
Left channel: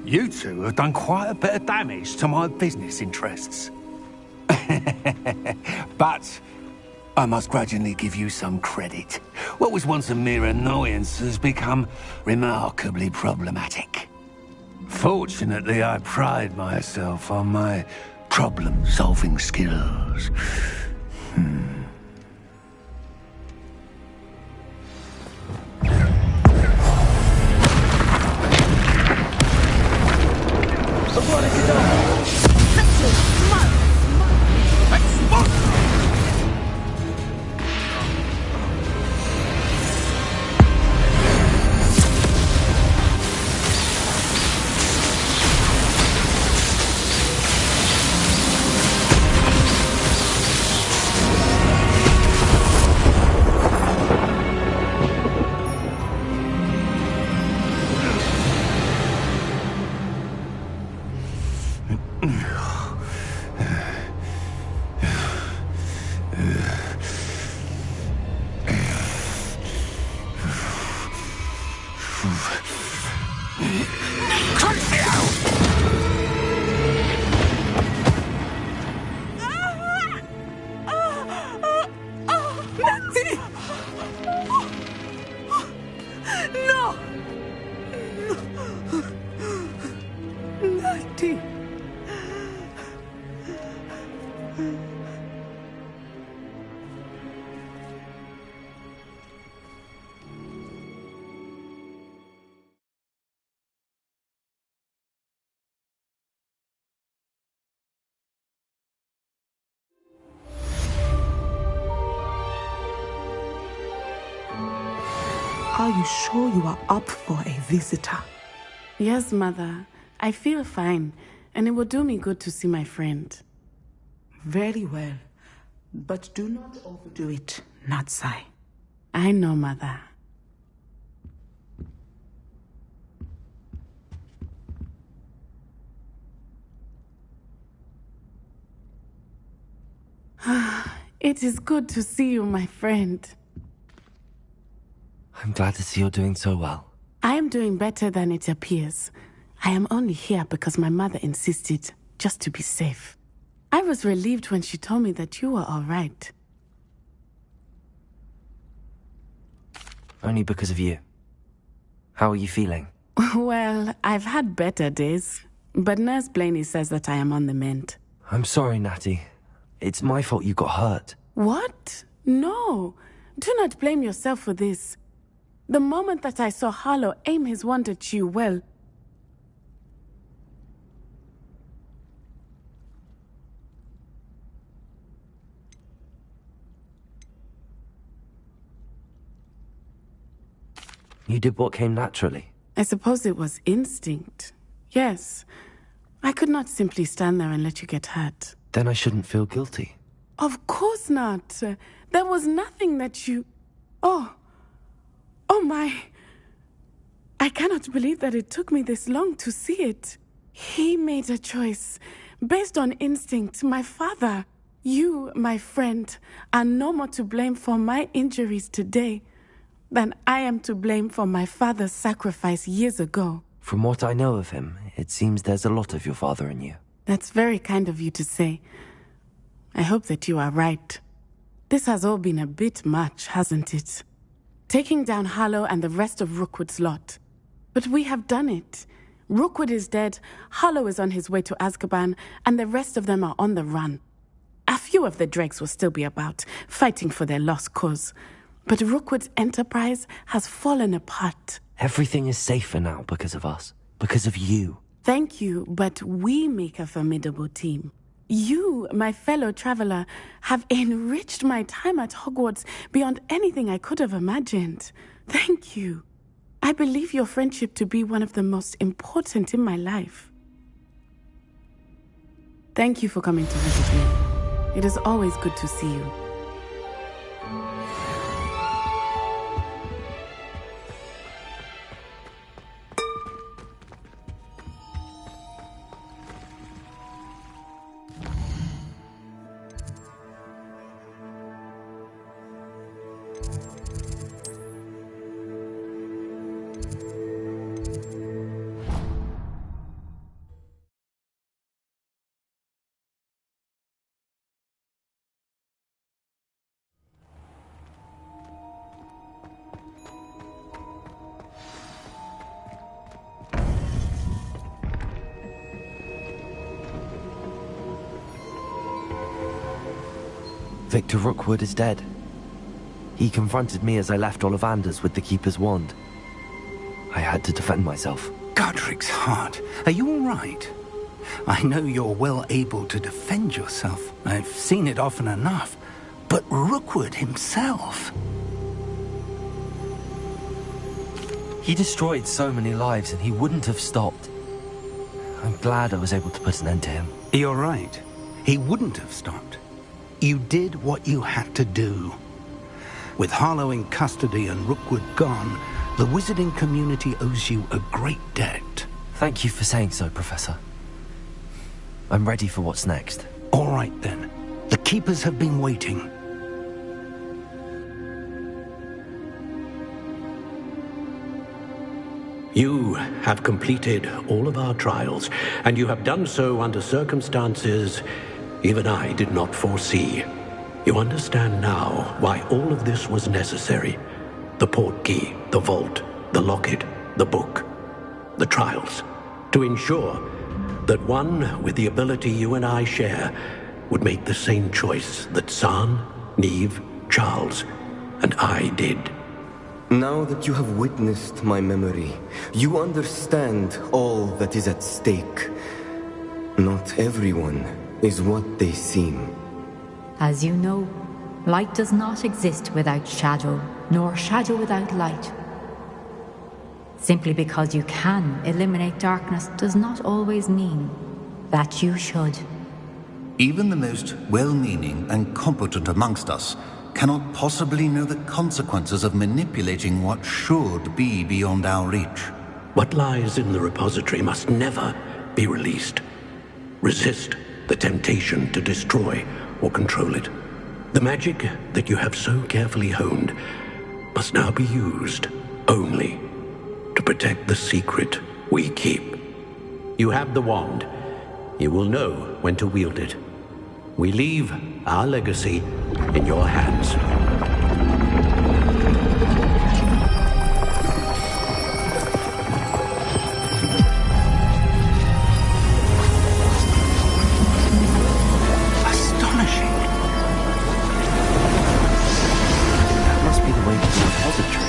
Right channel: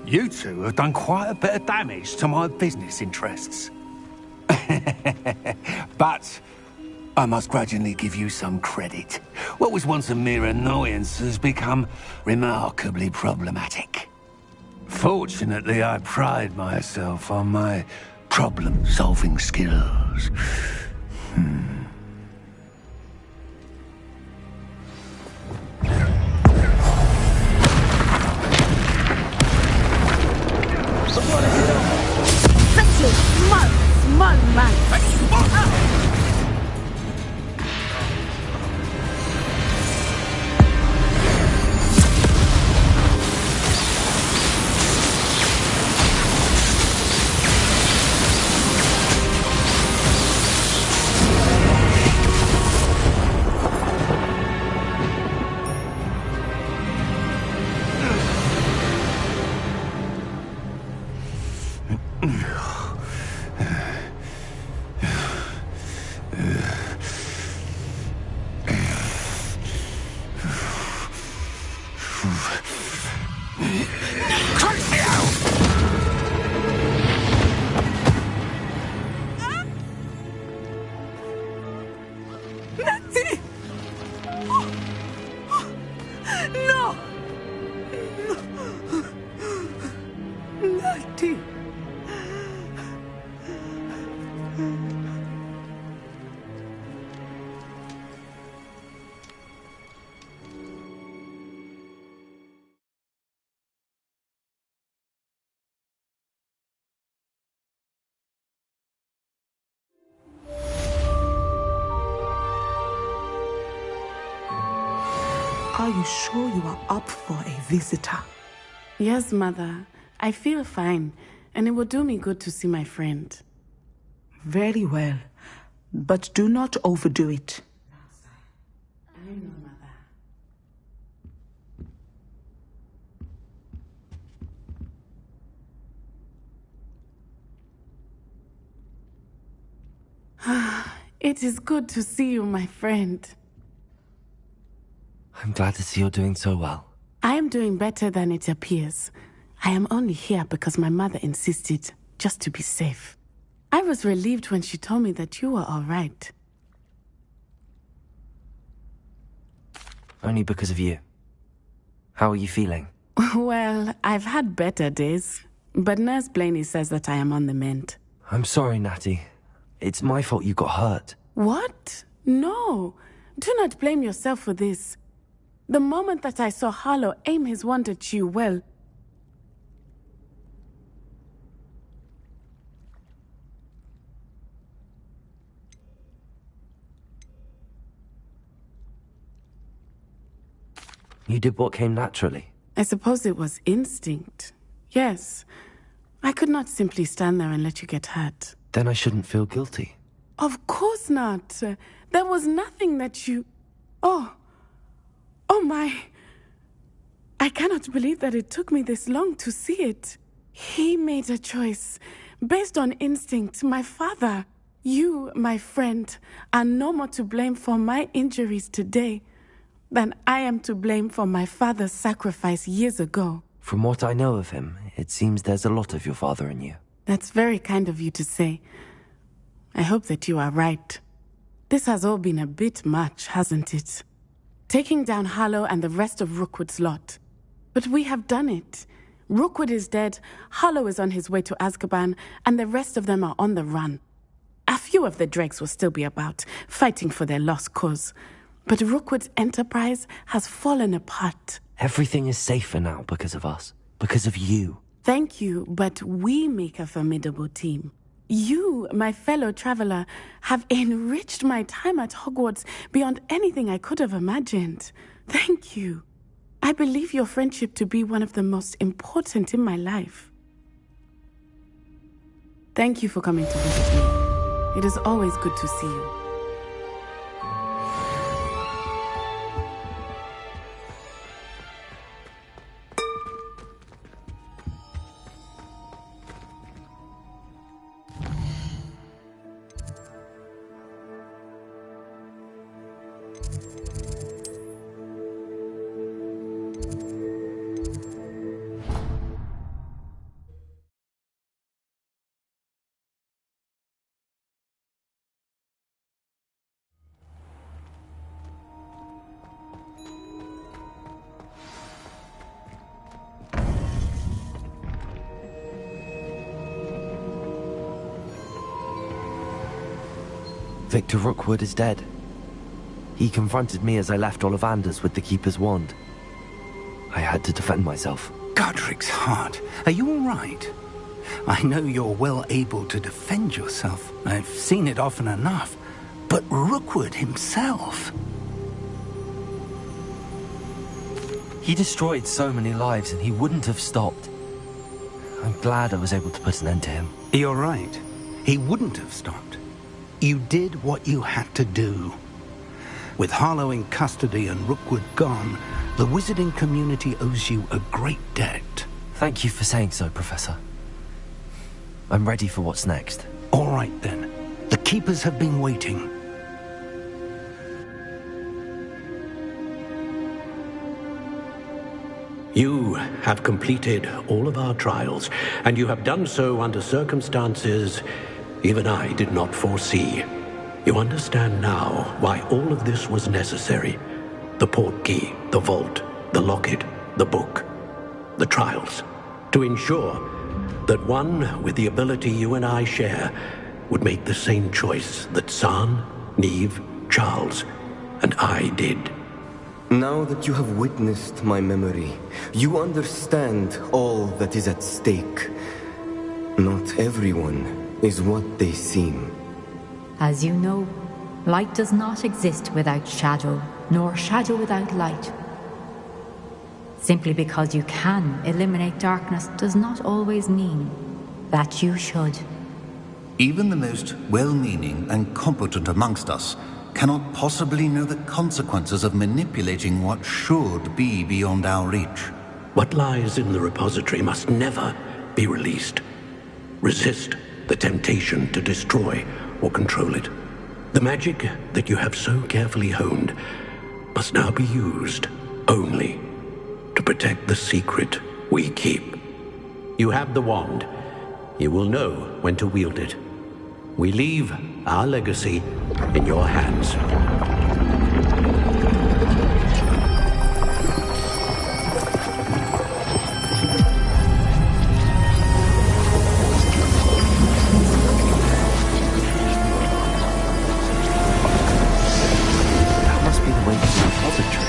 You two have done quite a bit of damage to my business interests. But I must grudgingly give you some credit. What was once a mere annoyance has become remarkably problematic. Fortunately, I pride myself on my problem-solving skills. Are you sure you are up for a visitor? Yes, Mother. I feel fine, and it will do me good to see my friend. Very well. But do not overdo it, Natsai. I know, Mother. It is good to see you, my friend. I'm glad to see you're doing so well. I am doing better than it appears. I am only here because my mother insisted, just to be safe. I was relieved when she told me that you were all right. Only because of you. How are you feeling? Well, I've had better days, but Nurse Blaney says that I am on the mend. I'm sorry, Natty. It's my fault you got hurt. What? No. Do not blame yourself for this. The moment that I saw Harlow aim his wand at you, well... You did what came naturally. I suppose it was instinct. Yes. I could not simply stand there and let you get hurt. Then I shouldn't feel guilty. Of course not. There was nothing that you... Oh my... I cannot believe that it took me this long to see it. He made a choice based on instinct. My father, you, my friend, are no more to blame for my injuries today than I am to blame for my father's sacrifice years ago. From what I know of him, it seems there's a lot of your father in you. That's very kind of you to say. I hope that you are right. This has all been a bit much, hasn't it? Taking down Harlow and the rest of Rookwood's lot. But we have done it. Rookwood is dead, Harlow is on his way to Azkaban, and the rest of them are on the run. A few of the dregs will still be about, fighting for their lost cause. But Rookwood's enterprise has fallen apart. Everything is safer now because of us. Because of you. Thank you, but we make a formidable team. You, my fellow traveler, have enriched my time at Hogwarts beyond anything I could have imagined. Thank you. I believe your friendship to be one of the most important in my life. Thank you for coming to visit me. It is always good to see you. Victor Rookwood is dead. He confronted me as I left Ollivanders with the Keeper's wand. I had to defend myself. Godric's heart, are you all right? I know you're well able to defend yourself. I've seen it often enough. But Rookwood himself... He destroyed so many lives and he wouldn't have stopped. I'm glad I was able to put an end to him. You're right. He wouldn't have stopped. You did what you had to do. With Harlow in custody and Rookwood gone, the wizarding community owes you a great debt. Thank you for saying so, Professor. I'm ready for what's next. All right, then. The Keepers have been waiting. You have completed all of our trials, and you have done so under circumstances even I did not foresee. You understand now why all of this was necessary. The portkey, the vault, the locket, the book, the trials. To ensure that one with the ability you and I share would make the same choice that San, Neve, Charles, and I did. Now that you have witnessed my memory, you understand all that is at stake. Not everyone is what they seem. As you know, light does not exist without shadow, nor shadow without light. Simply because you can eliminate darkness does not always mean that you should. Even the most well-meaning and competent amongst us cannot possibly know the consequences of manipulating what should be beyond our reach. What lies in the repository must never be released. Resist the temptation to destroy or control it. The magic that you have so carefully honed must now be used only to protect the secret we keep. You have the wand. You will know when to wield it. We leave our legacy in your hands. That must be the way to the repository.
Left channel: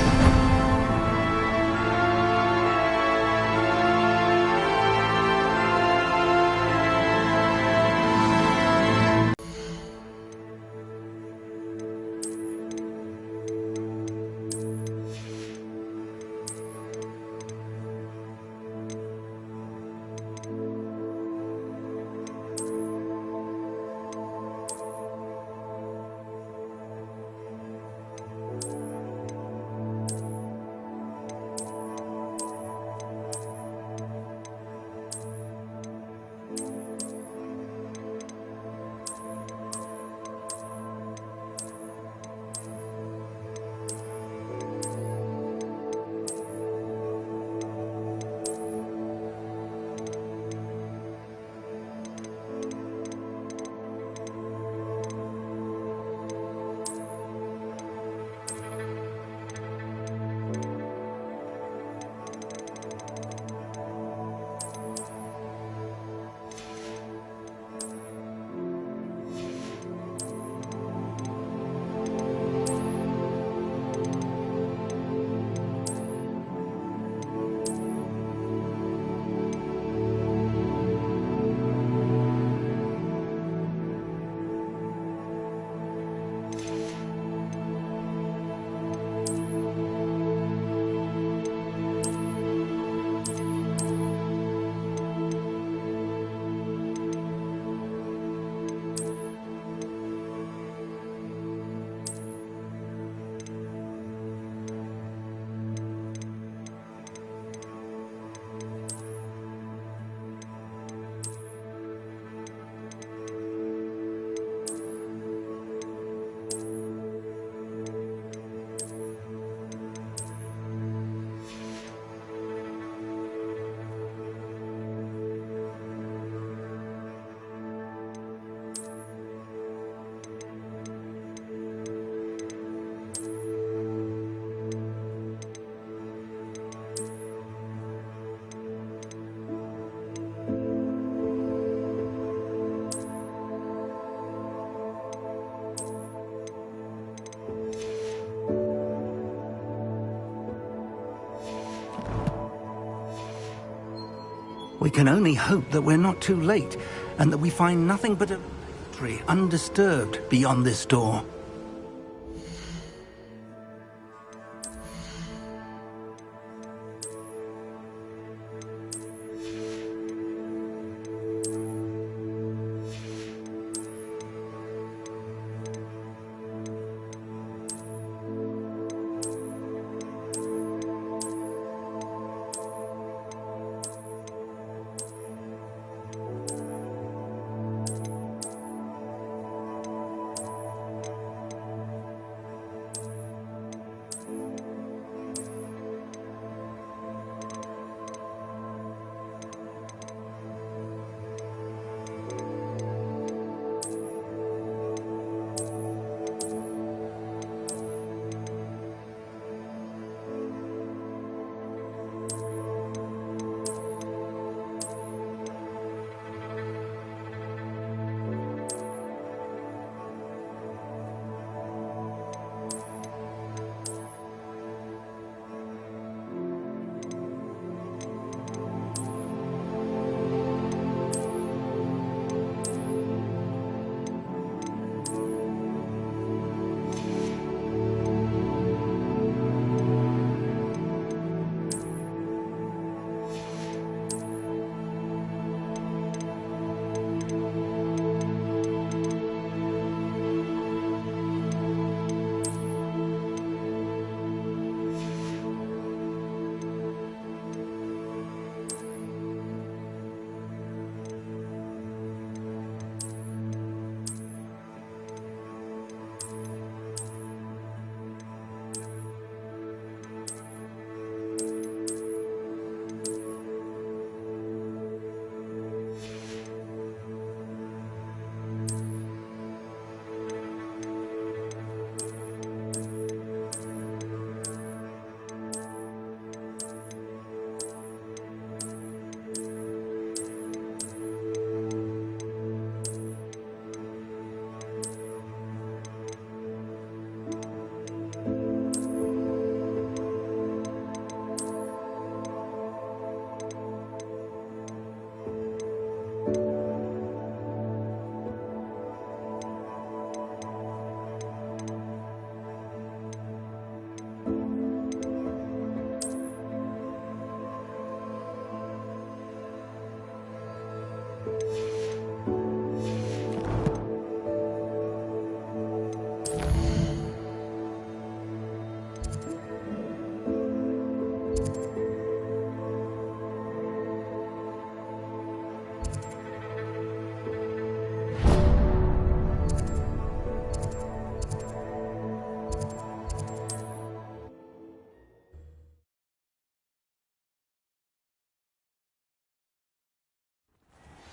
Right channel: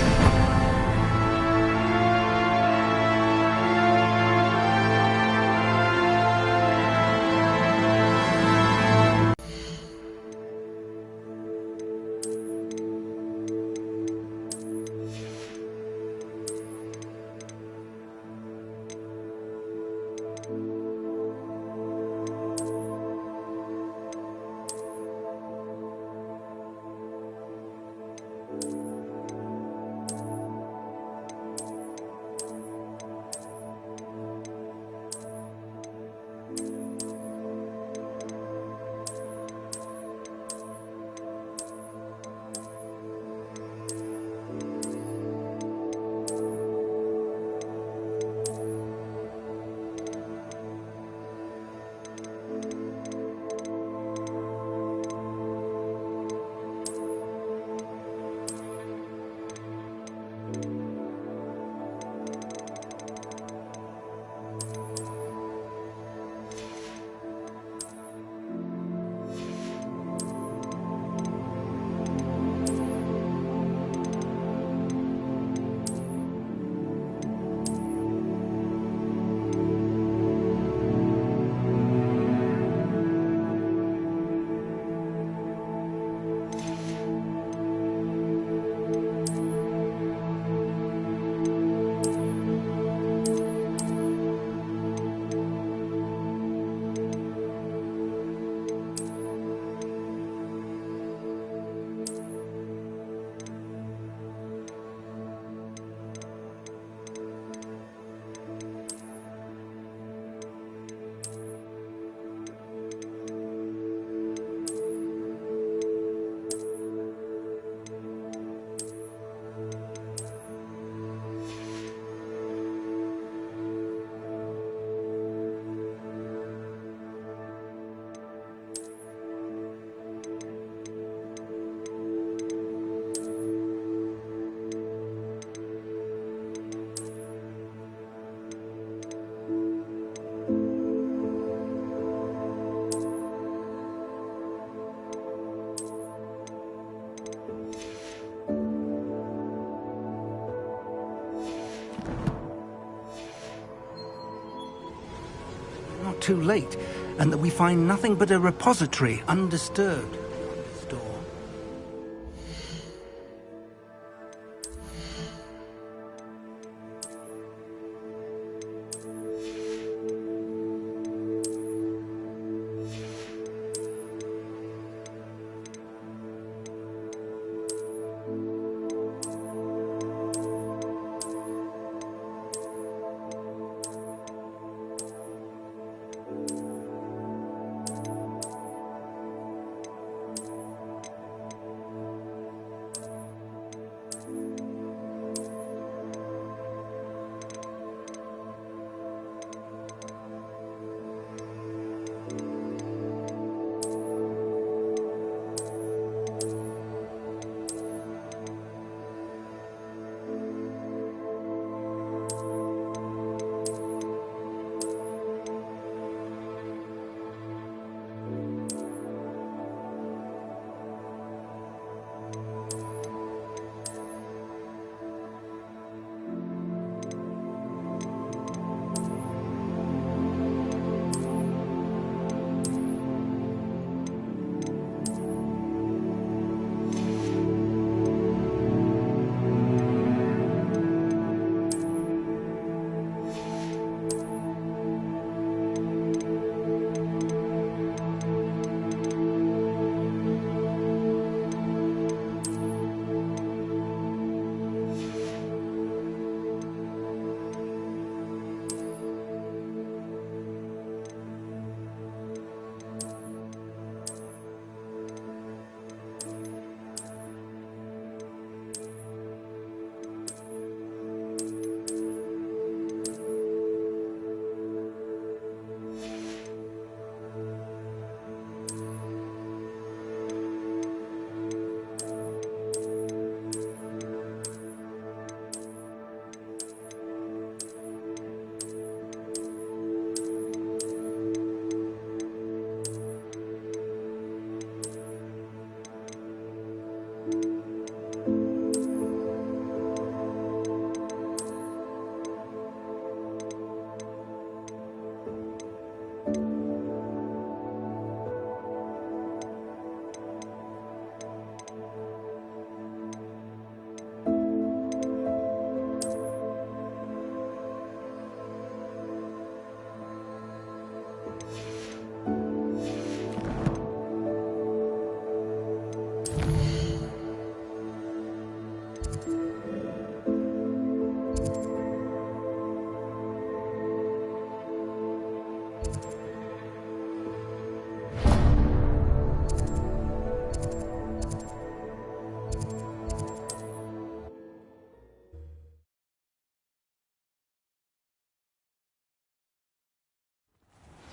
We can only hope that we're not too late, and that we find nothing but a repository undisturbed beyond this door.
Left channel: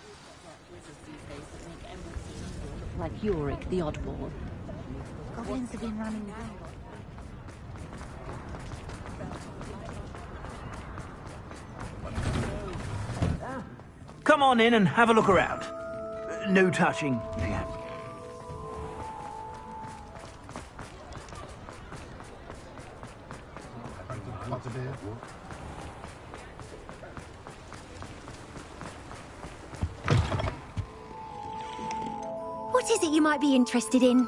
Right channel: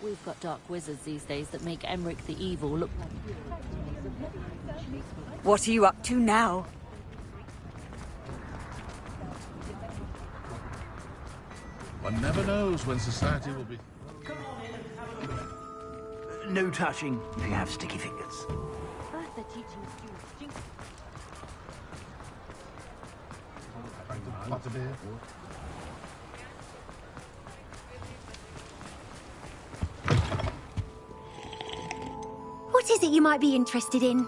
We've got dark wizards these days that make Emmerich the Evil look like Yorick the Oddball. What are you up to now? One never knows when society will be... Come on in and have a look around. No touching if you have sticky fingers. What is it you might be interested in?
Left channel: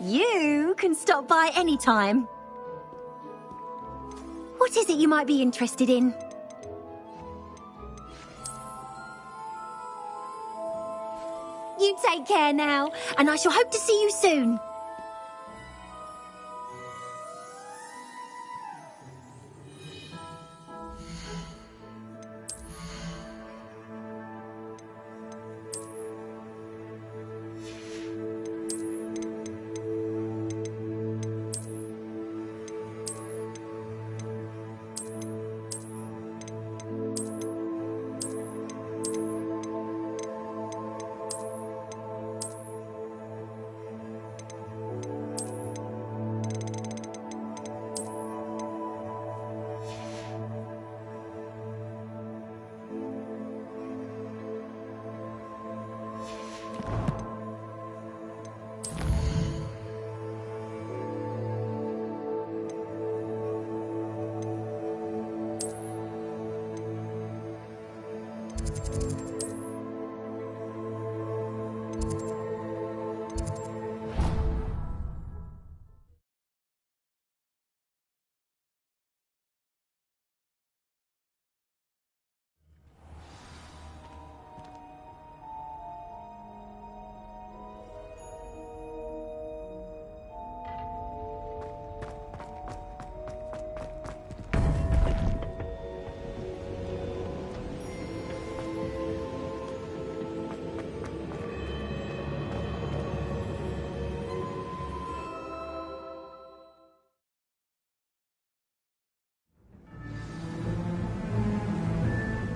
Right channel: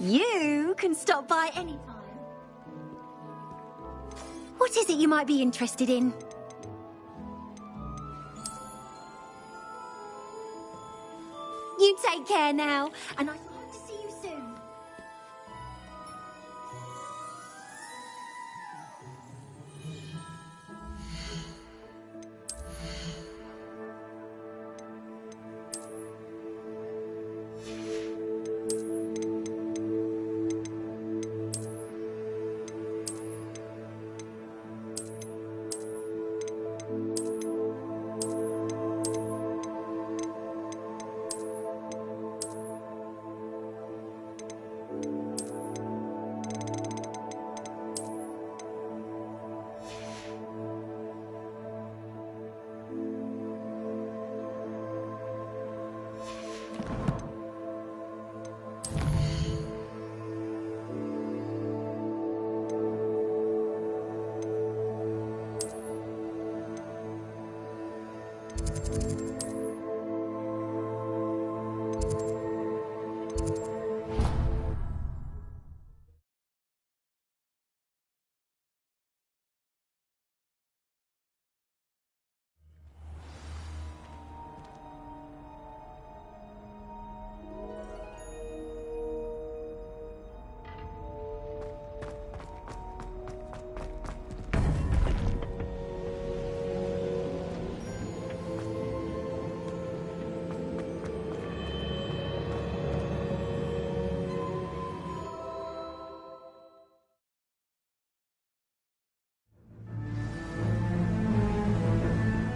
You can stop by anytime. What is it you might be interested in? You take care now, and I shall hope to see you soon.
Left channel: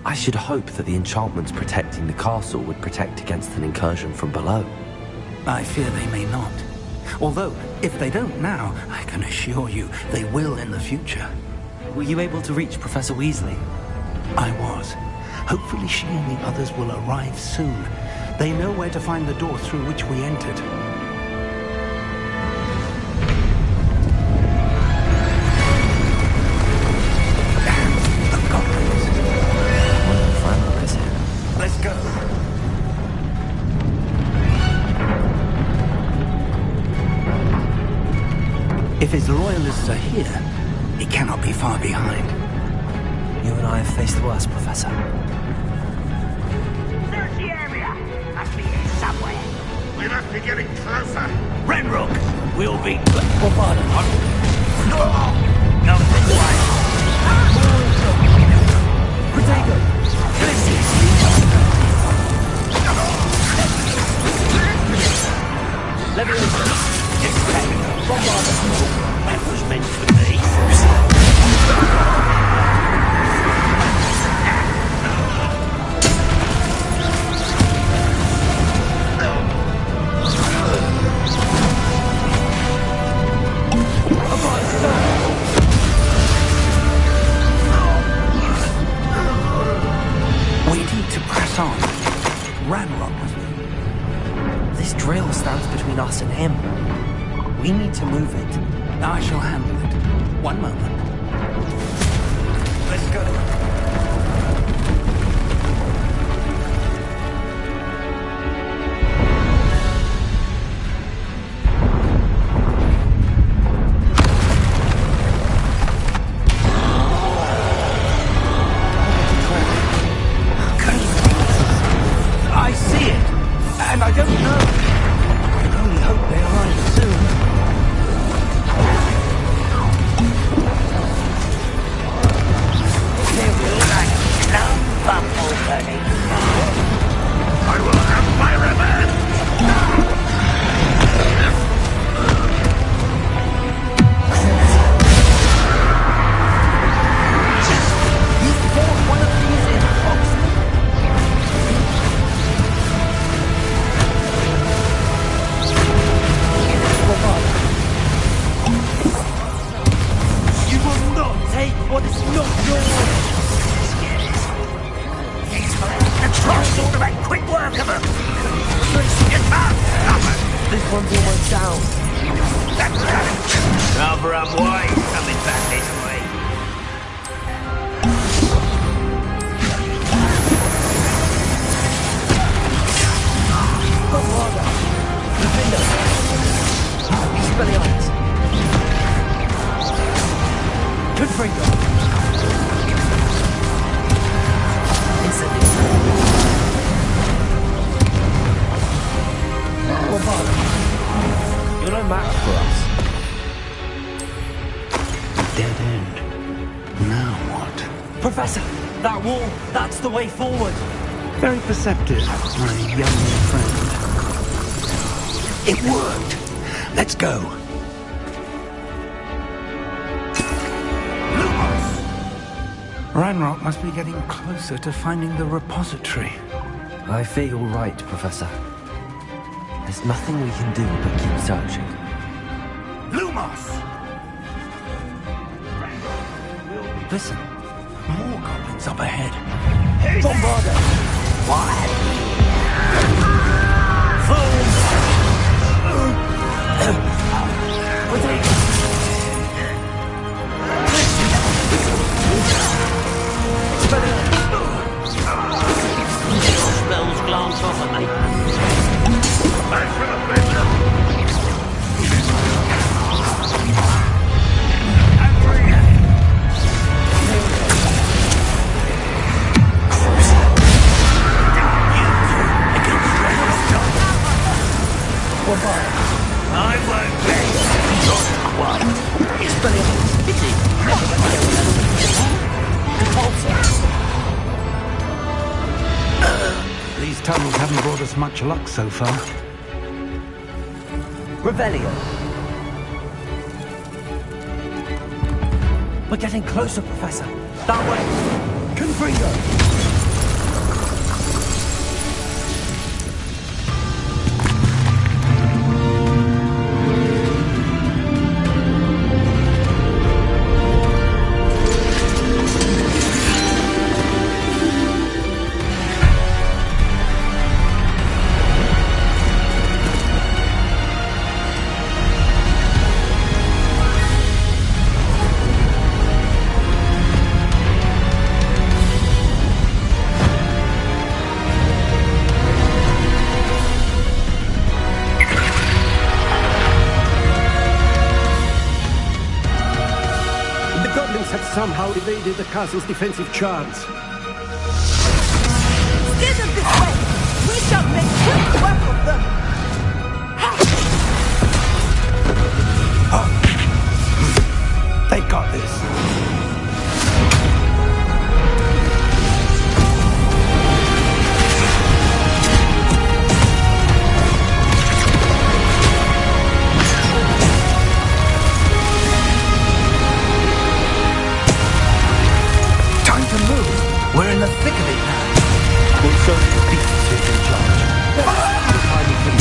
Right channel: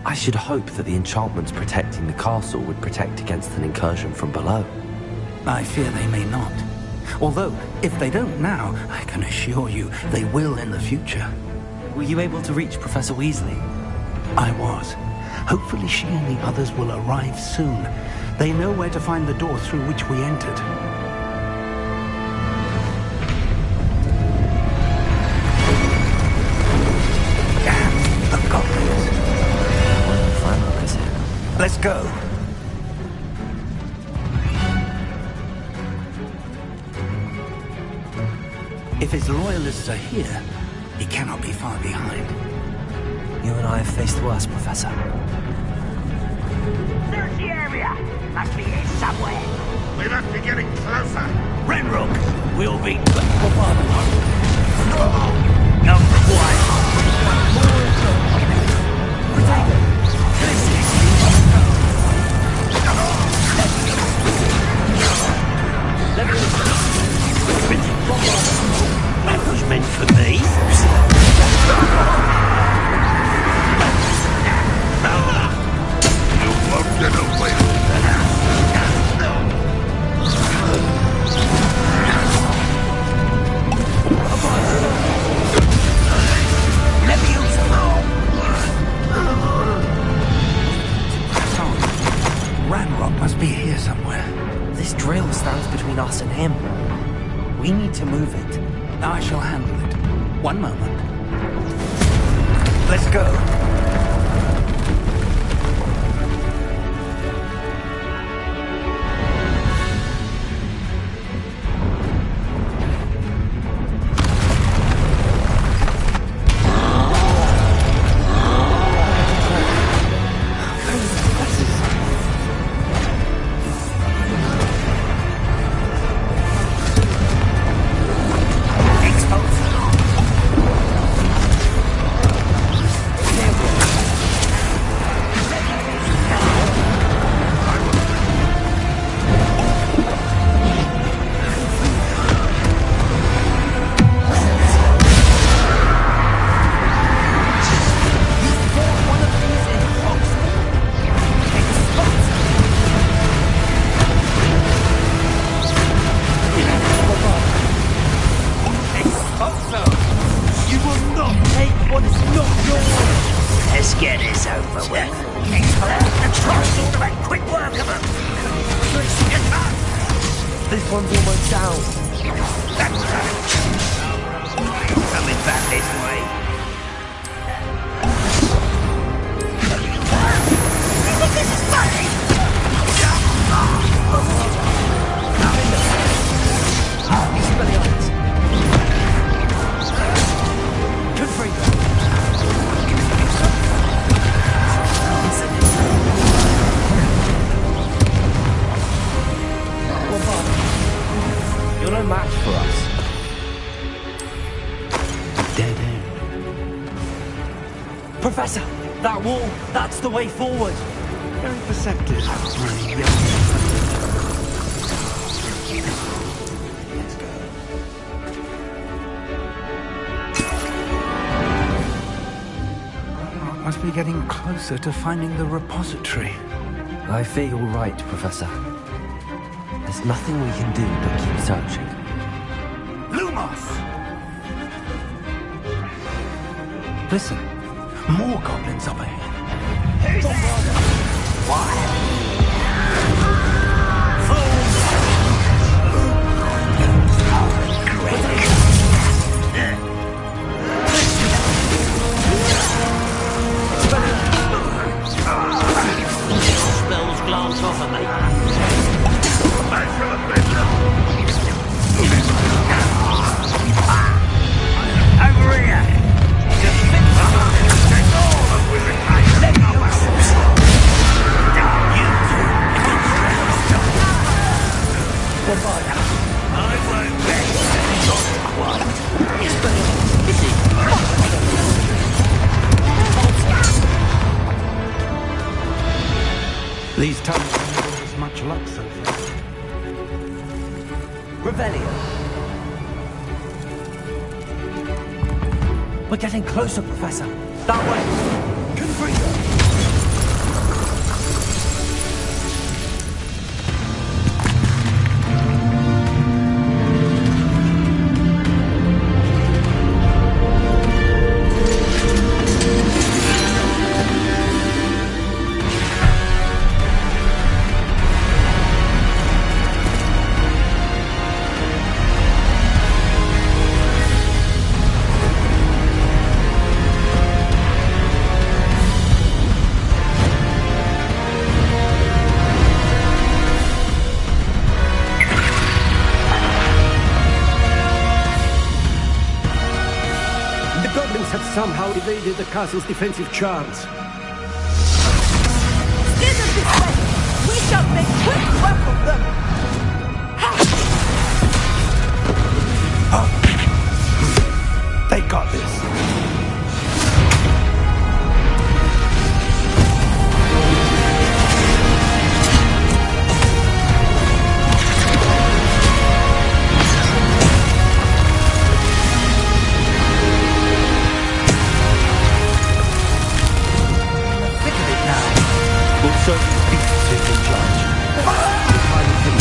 I should hope that the enchantments protecting the castle would protect against an incursion from below. I fear they may not. Although, if they don't now, I can assure you they will in the future. Were you able to reach Professor Weasley? I was. Hopefully she and the others will arrive soon. They know where to find the door through which we entered. Damn, the goblins. Well, Frank is here. Let's go. If his loyalists are here, he cannot be far behind. You and I have faced worse, Professor. Search the area! Must be here somewhere! We must be getting closer! Renrook! We'll be bombarded. Number one! Protego! That was meant for me. This drill stands between us and him. We need to move it. I shall handle it. One moment. Let's go. You're no match for us. Dead end. Now what? Professor, that wall, that's the way forward. Very perceptive, my young friend. It worked. Let's go. Reinrock must be getting closer to finding the repository. I fear you're right, Professor. There's nothing we can do but keep searching. Lumos! Listen, more goblins up ahead. Bombarder! What? Spells glance off at me. Over here! I won't be. Not quite. It's brilliant. Is it? These tunnels haven't brought us much luck so far. Revelio. We're getting closer, Professor. That way. Confringo. Have somehow evaded the castle's defensive charms. Steer them this way! We shall make quick work of them! They got this. We'll certainly beat Sid in charge. The time has been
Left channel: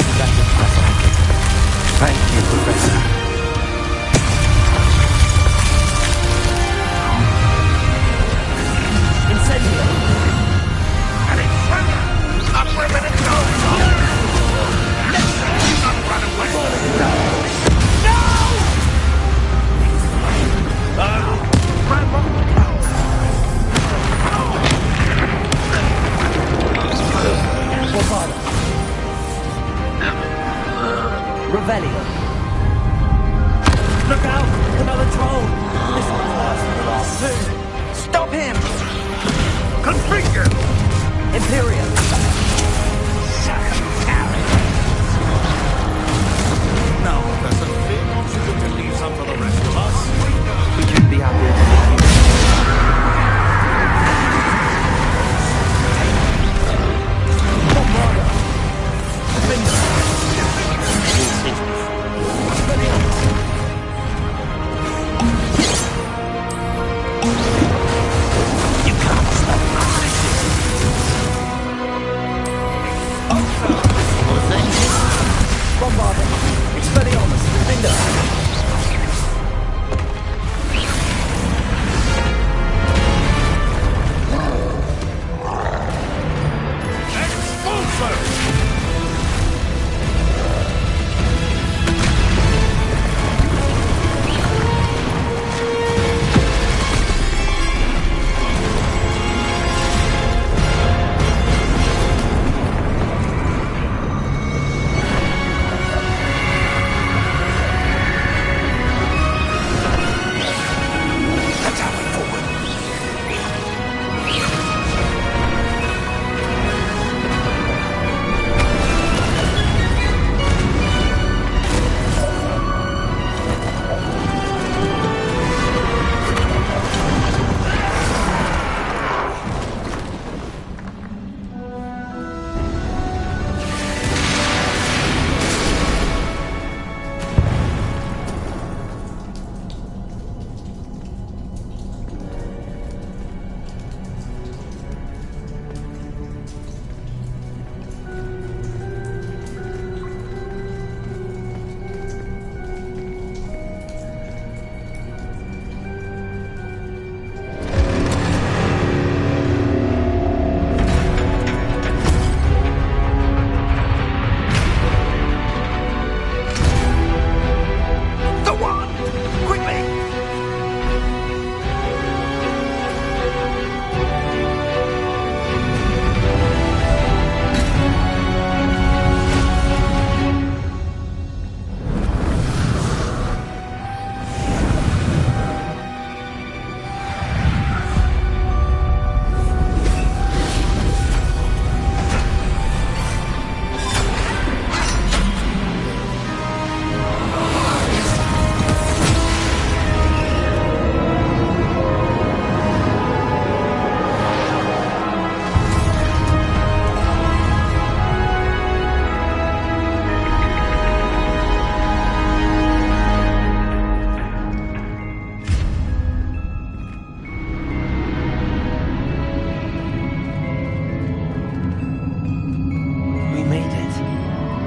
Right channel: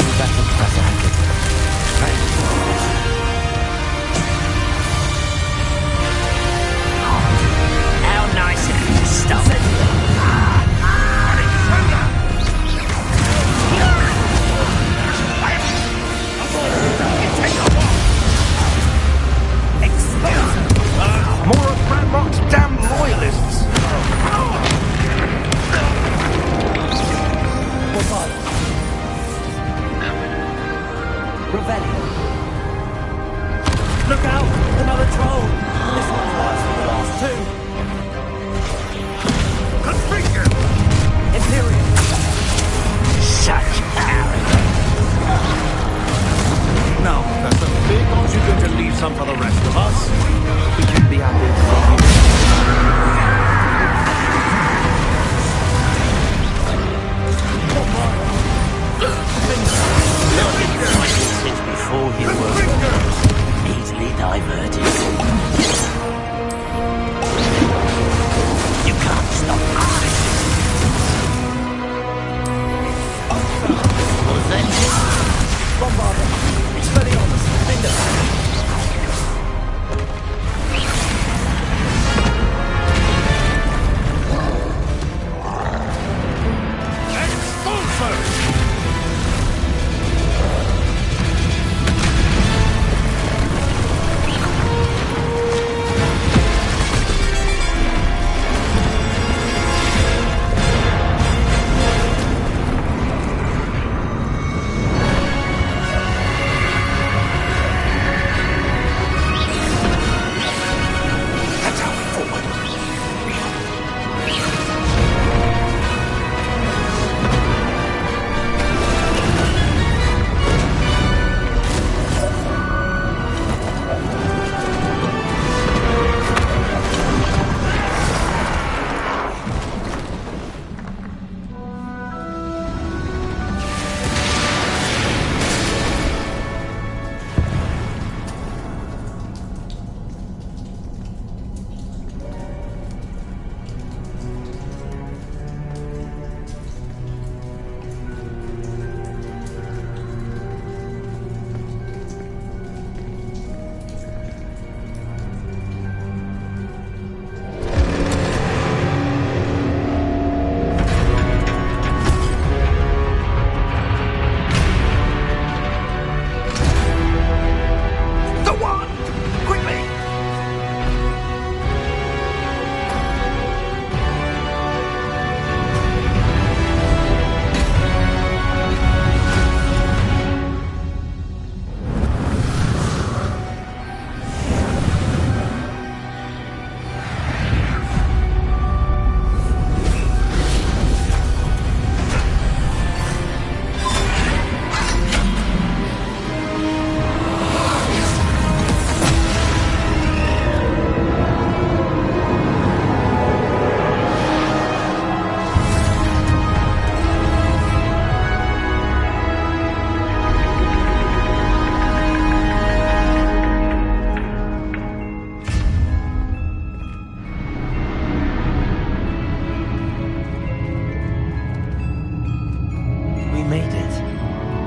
Revelio. Look out! Another troll! This one's worse than the last two. Stop him! Confringo! Imperium. Such arrogance. Now, Professor, aren't you going to leave some for the rest of us? We'd be happy to see you. Since before you easily diverted. You can't stop us. Was that it? Bombarder. Expelliarmus. Finger. Expulso!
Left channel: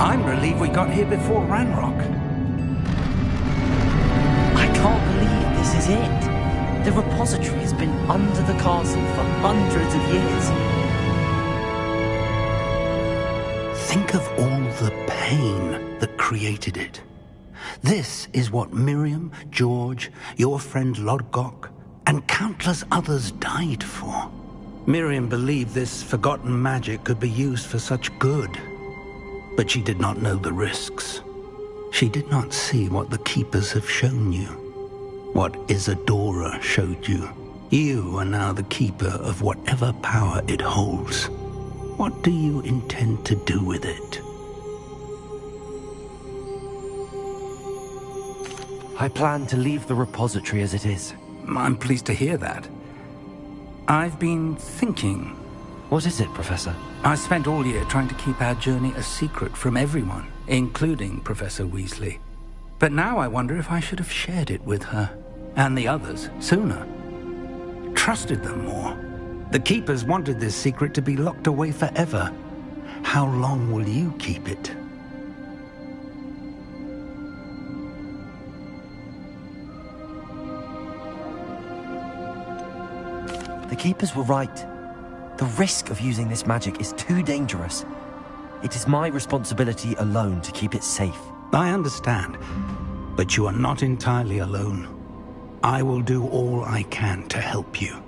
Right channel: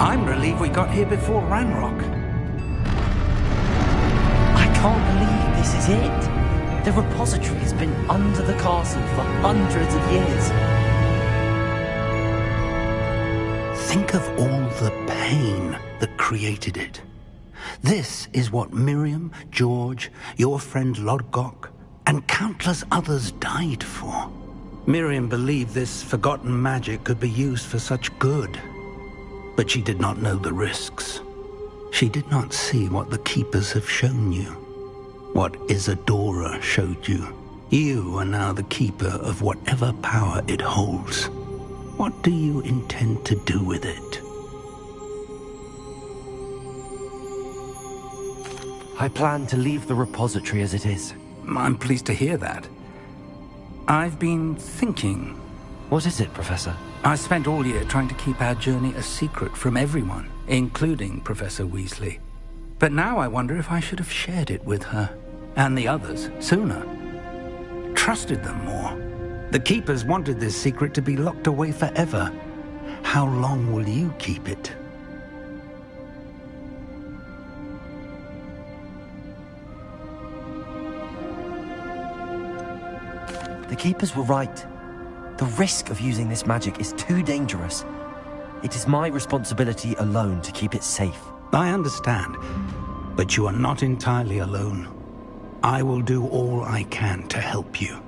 I'm relieved we got here before Ranrock. I can't believe this is it. The repository has been under the castle for hundreds of years. Think of all the pain that created it. This is what Miriam, George, your friend Lodgok, and countless others died for. Miriam believed this forgotten magic could be used for such good. But she did not know the risks. She did not see what the Keepers have shown you. What Isadora showed you. You are now the Keeper of whatever power it holds. What do you intend to do with it? I plan to leave the repository as it is. I'm pleased to hear that. I've been thinking. What is it, Professor? I spent all year trying to keep our journey a secret from everyone, including Professor Weasley. But now I wonder if I should have shared it with her, and the others, sooner. Trusted them more. The Keepers wanted this secret to be locked away forever. How long will you keep it? The Keepers were right. The risk of using this magic is too dangerous. It is my responsibility alone to keep it safe. I understand, but you are not entirely alone. I will do all I can to help you.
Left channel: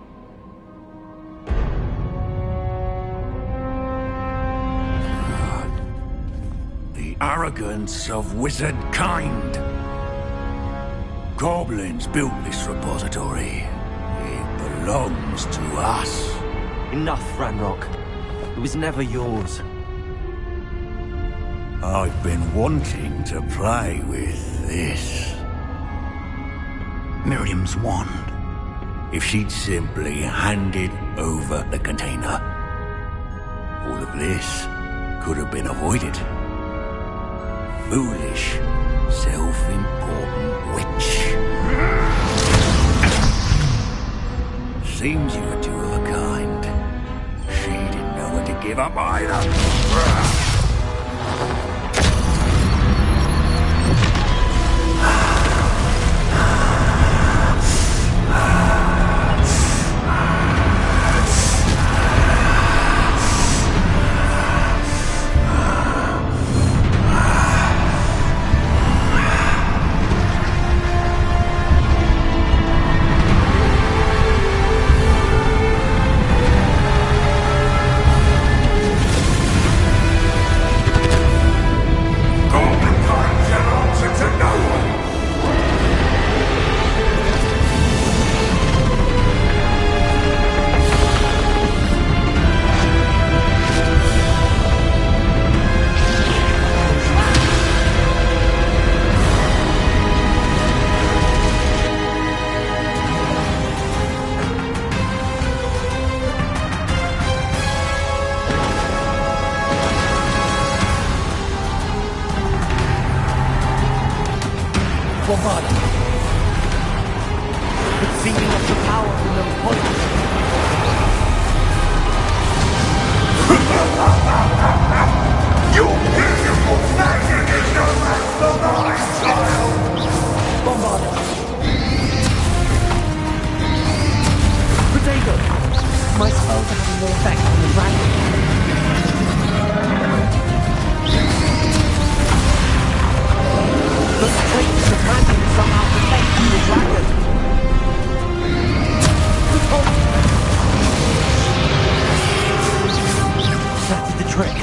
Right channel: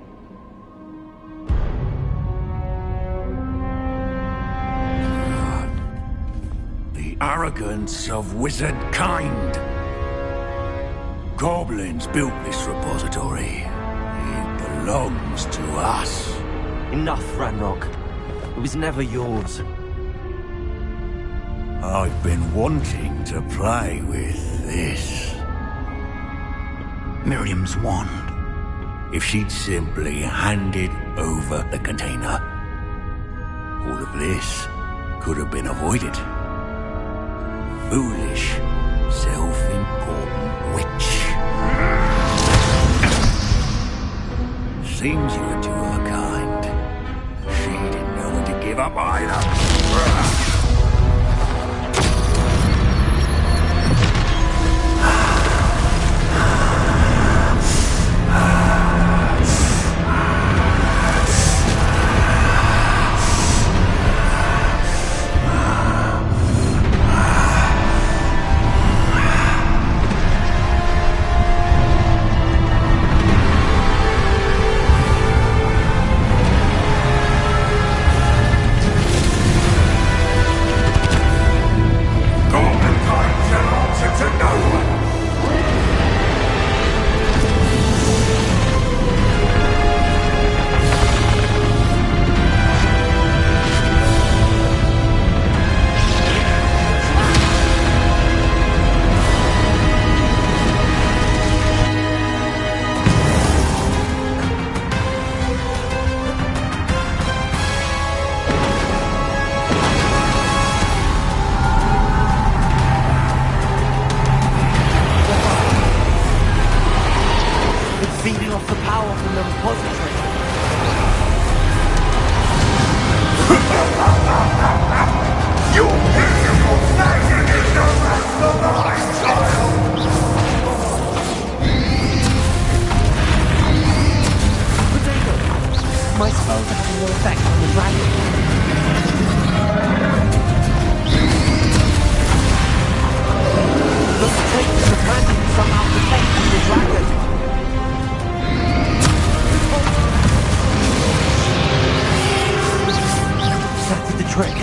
The the arrogance of wizard kind. Goblins built this repository. It belongs to us. Enough, Ranrock. It was never yours. I've been wanting to play with this. Miriam's wand. If she'd simply handed over the container, all of this could have been avoided. Foolish, self-important witch. Seems you were two of a kind. She didn't know when to give up either. It's feeding off the power from the repository. Your beautiful magic is no match for my style! Potato! My spells are having no effect on the dragon. The trait of the magic is somehow protecting the dragon. That did the trick.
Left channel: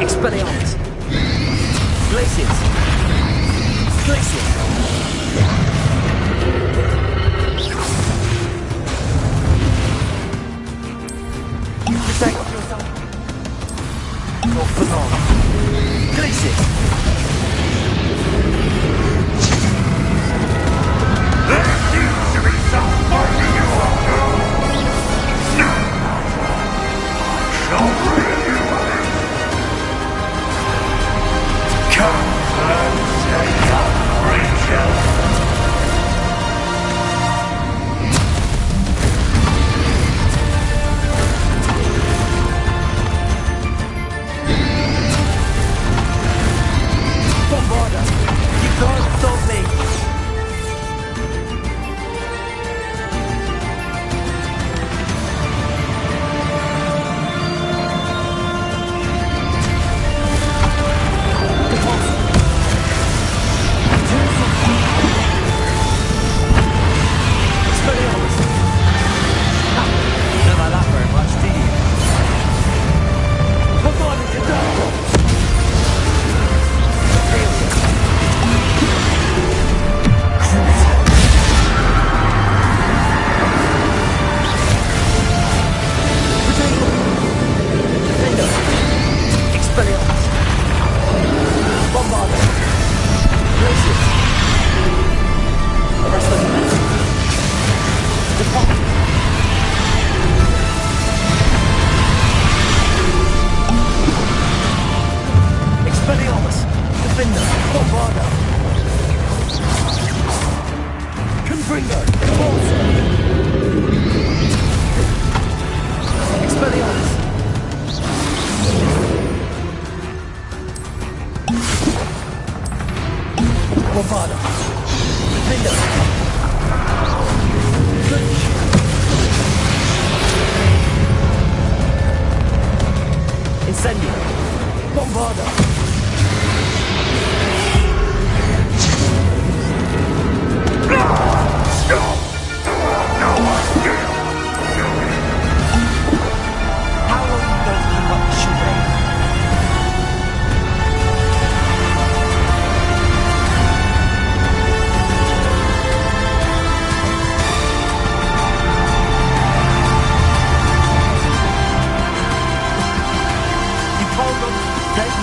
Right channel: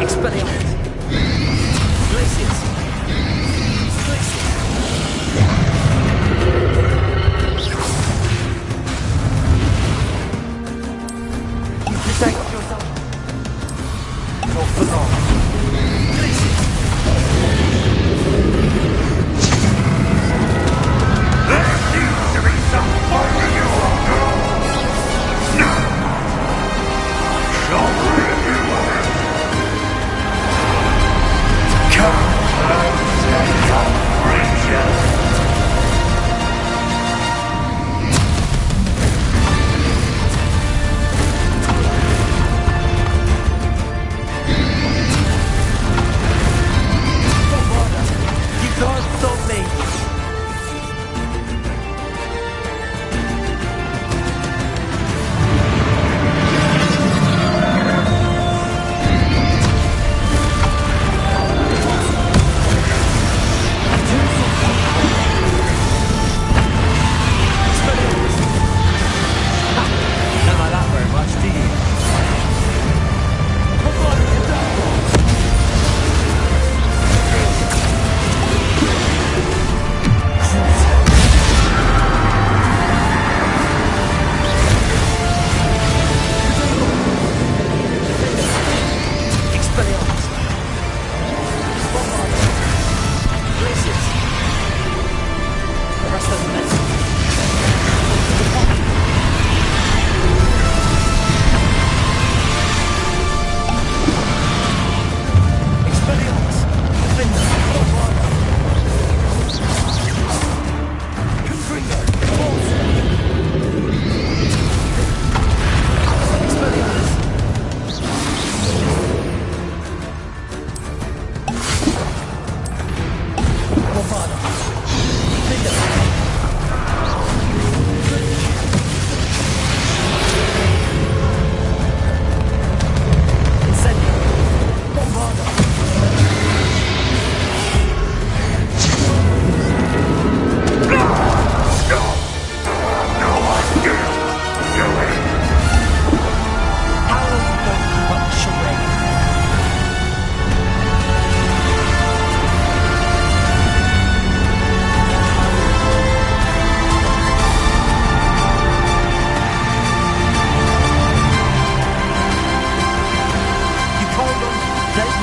Expelliarmus! Glacius! Glacius! You protect yourself. Not for long. Glacius! There seems to be some finding you up, girl! No! I shall rid you of it! Come and take up, Rachel!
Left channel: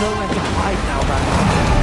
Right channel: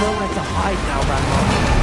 nowhere to hide now, Grandma.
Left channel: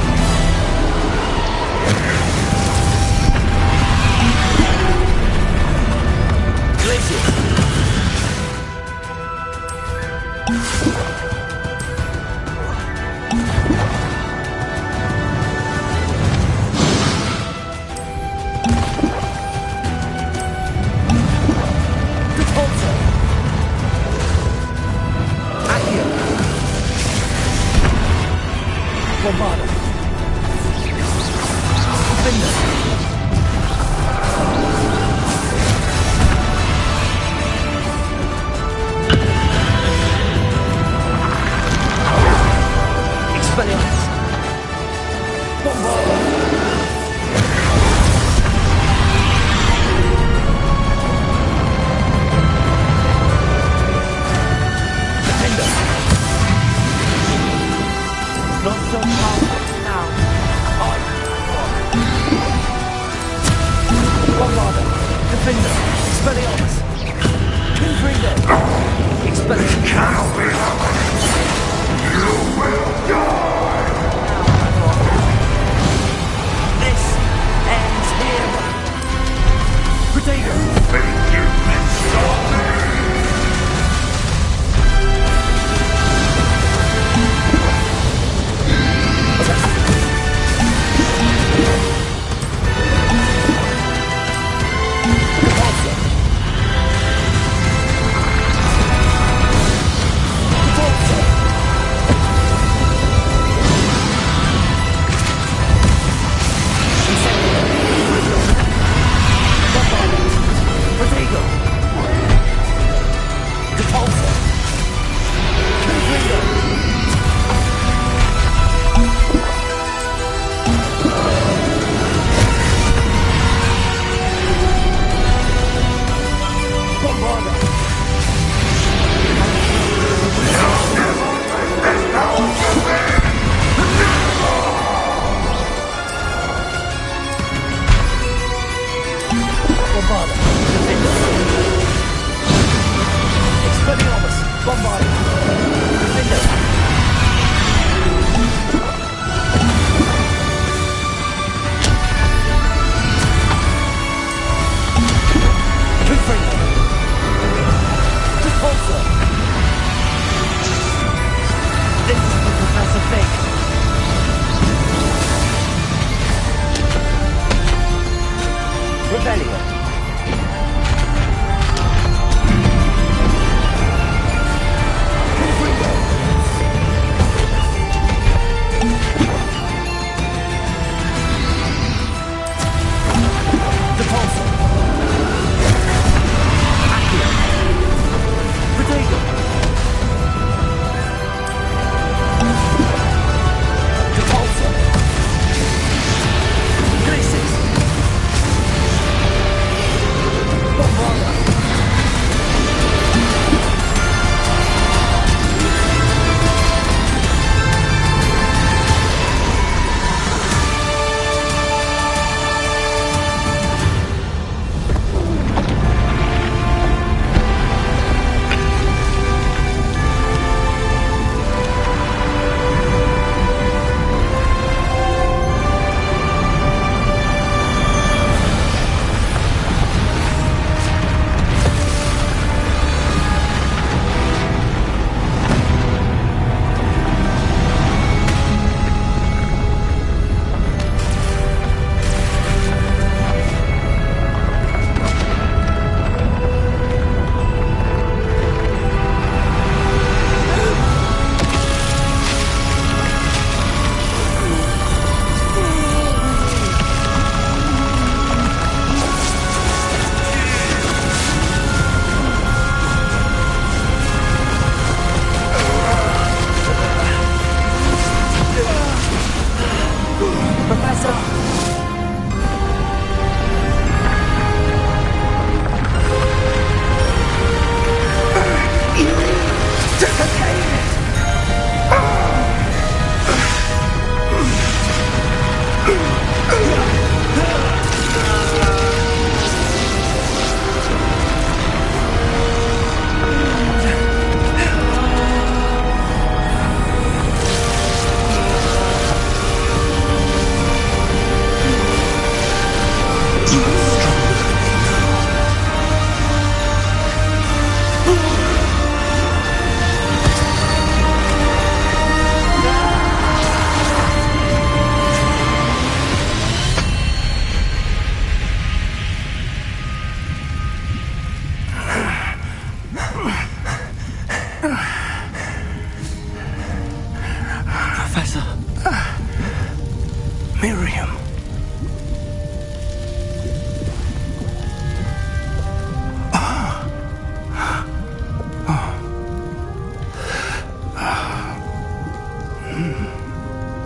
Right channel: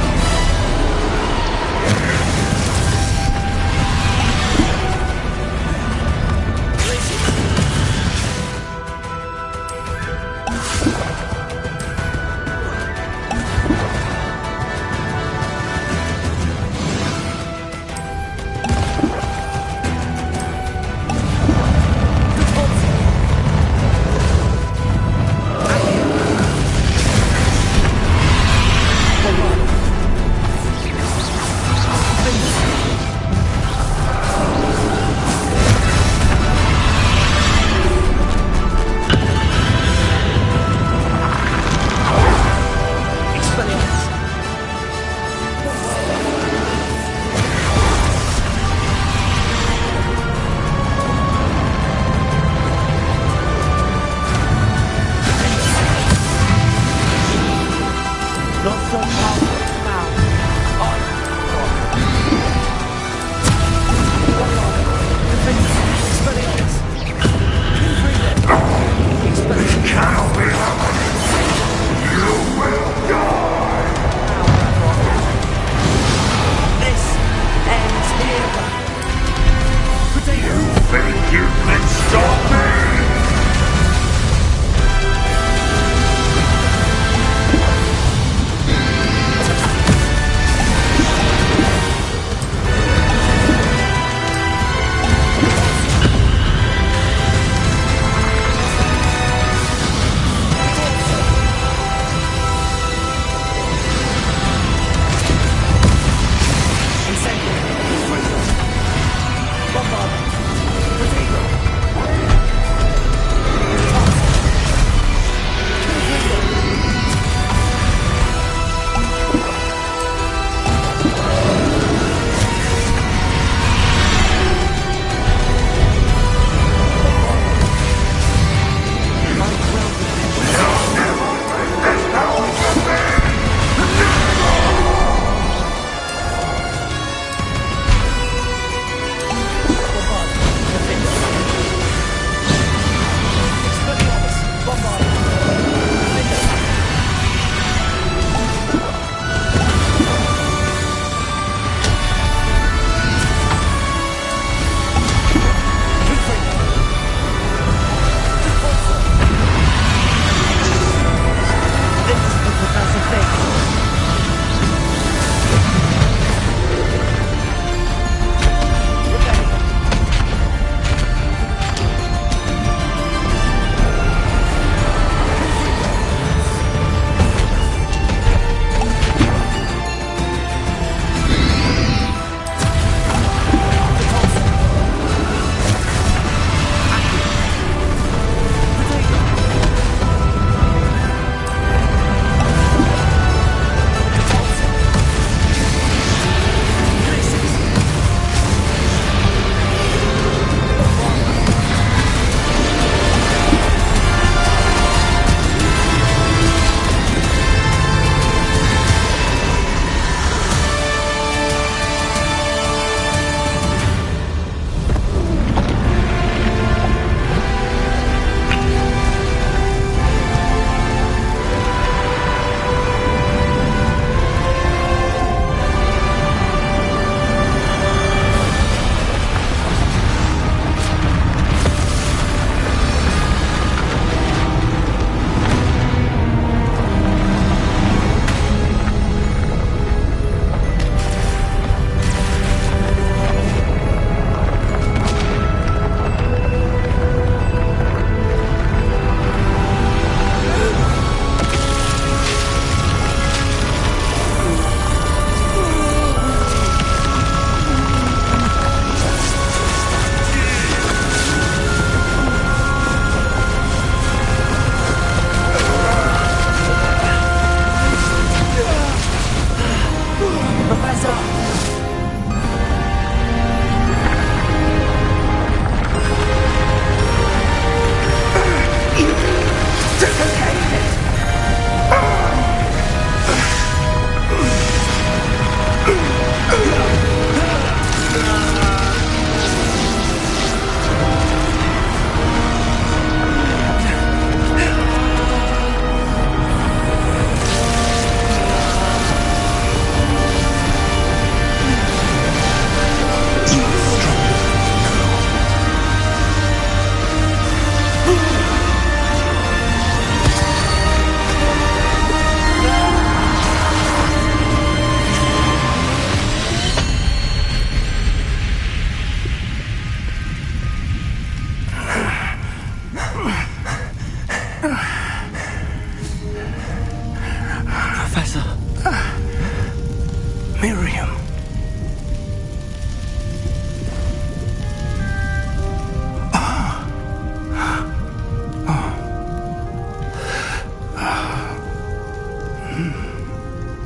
Miriam.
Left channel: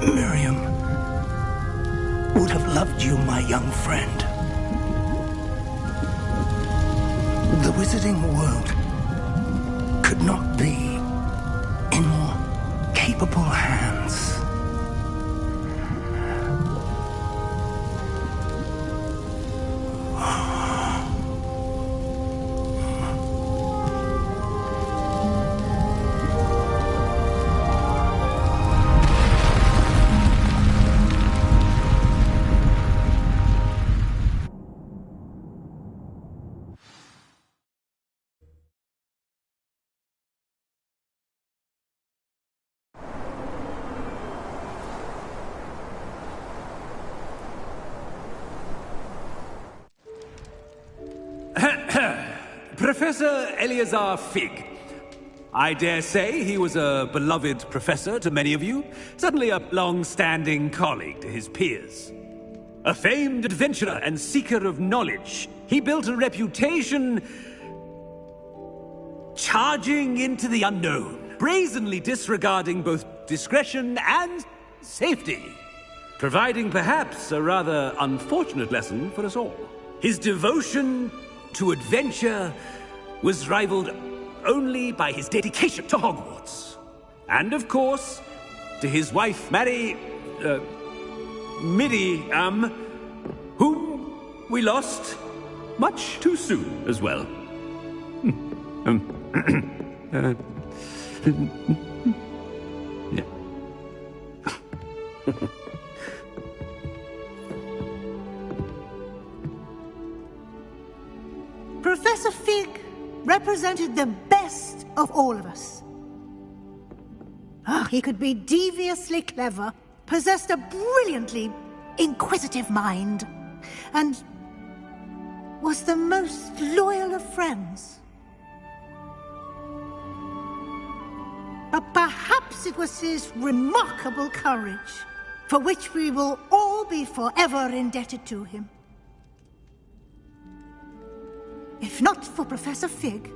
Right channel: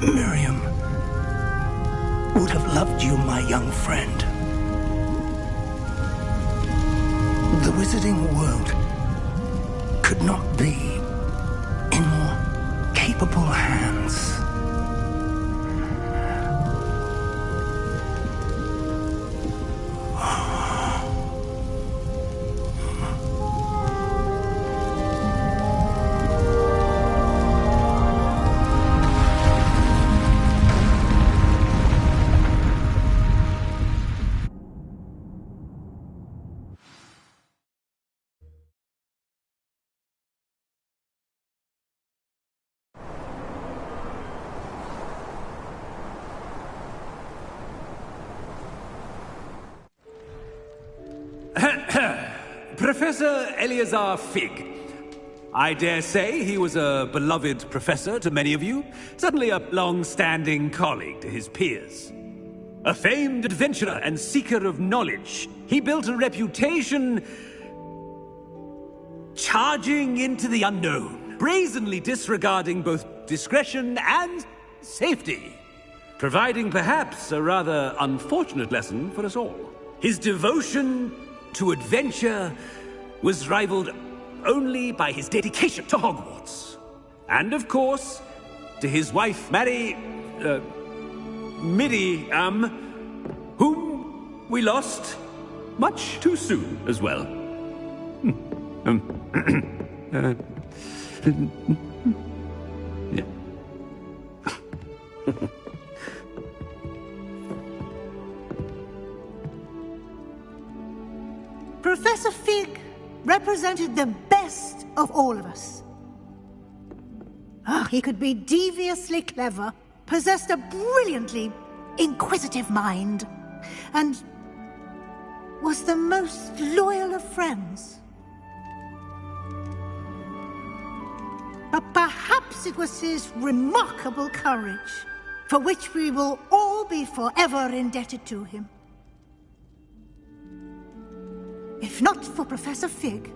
Miriam would have loved you, my young friend. The wizarding world could not be in more capable hands. Professor Eleazar Fig. I dare say he was a beloved professor to many of you, certainly a long-standing colleague to his peers. A famed adventurer and seeker of knowledge, he built a reputation charging into the unknown, brazenly disregarding both discretion and safety, providing perhaps a rather unfortunate lesson for us all. His devotion to adventure was rivaled only by his dedication to Hogwarts. And of course, to his wife, Miriam, whom we lost much too soon as well. Yeah. Professor Fig represented the best of all of us. He could be deviously clever, possessed a brilliantly inquisitive mind, and was the most loyal of friends. But perhaps it was his remarkable courage, for which we will all be forever indebted to him. If not for Professor Fig,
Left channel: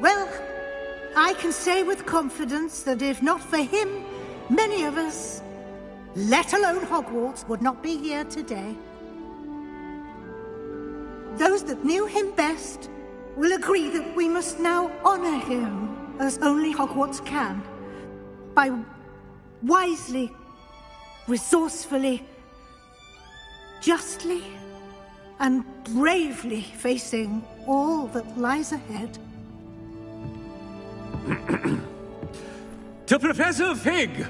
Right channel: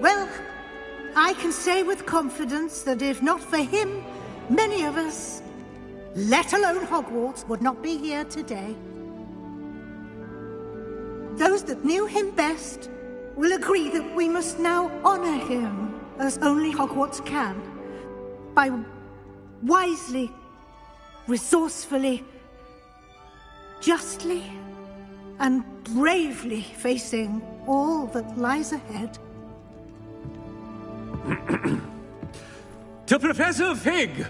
well, I can say with confidence that if not for him, many of us, let alone Hogwarts, would not be here today. Those that knew him best will agree that we must now honor him as only Hogwarts can, by wisely, resourcefully, justly and bravely facing all that lies ahead. To Professor Fig!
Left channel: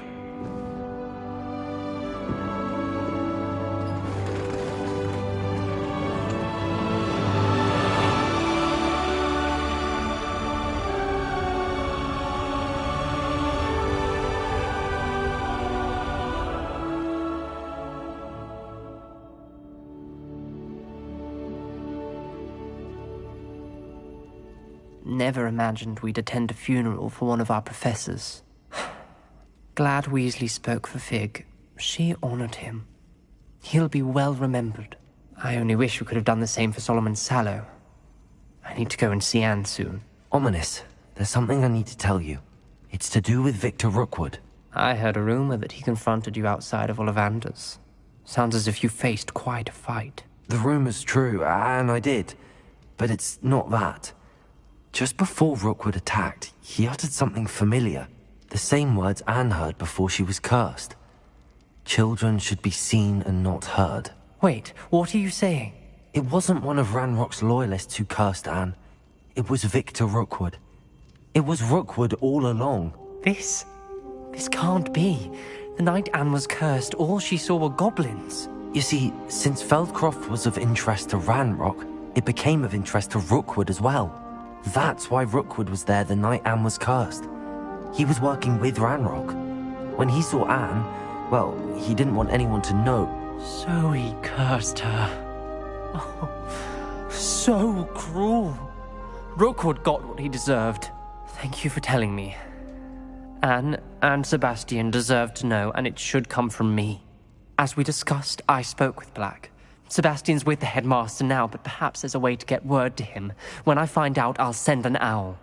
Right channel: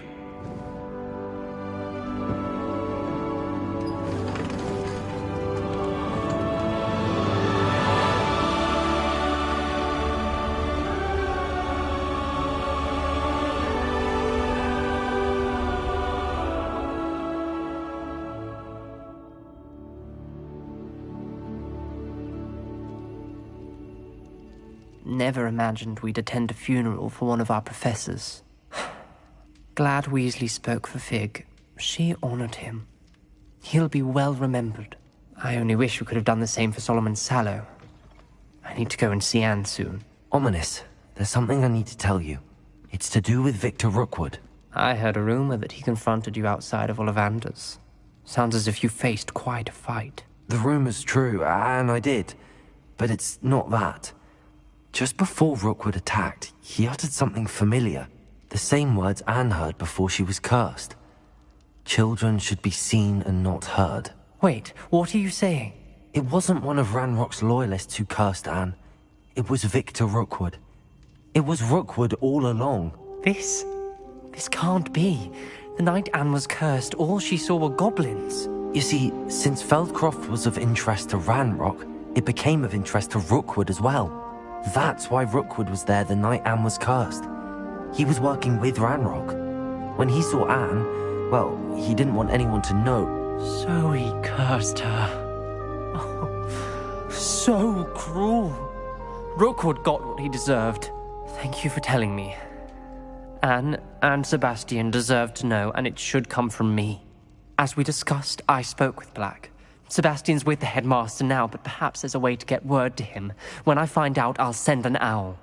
Never imagined we'd attend a funeral for one of our professors. Glad Weasley spoke for Fig. She honored him. He'll be well remembered. I only wish we could have done the same for Solomon Sallow. I need to go and see Anne soon. Ominous, there's something I need to tell you. It's to do with Victor Rookwood. I heard a rumor that he confronted you outside of Ollivander's. Sounds as if you faced quite a fight. The rumor's true, and I did. But it's not that. Just before Rookwood attacked, he uttered something familiar. The same words Anne heard before she was cursed. Children should be seen and not heard. Wait, what are you saying? It wasn't one of Ranrock's loyalists who cursed Anne. It was Victor Rookwood. It was Rookwood all along. This can't be. The night Anne was cursed, all she saw were goblins. You see, since Feldcroft was of interest to Ranrock, it became of interest to Rookwood as well. That's why Rookwood was there the night Anne was cursed. He was working with Ranrock. When he saw Anne, well, he didn't want anyone to know. So he cursed her. Oh, so cruel. Rookwood got what he deserved. Thank you for telling me. Anne and Sebastian deserve to know, and it should come from me. As we discussed, I spoke with Black. Sebastian's with the headmaster now, but perhaps there's a way to get word to him. When I find out, I'll send an owl.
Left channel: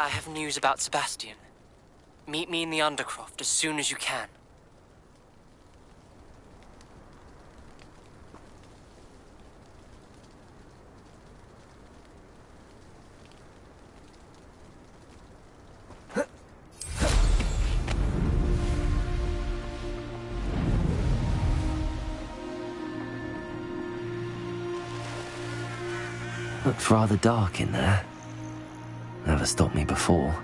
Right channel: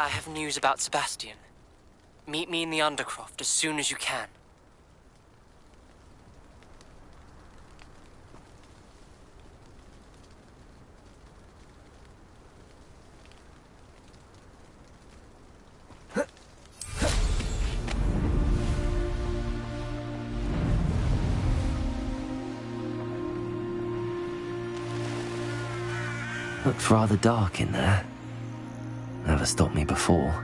I have news about Sebastian. Meet me in the Undercroft as soon as you can. Looked rather dark in there. Never stopped me before.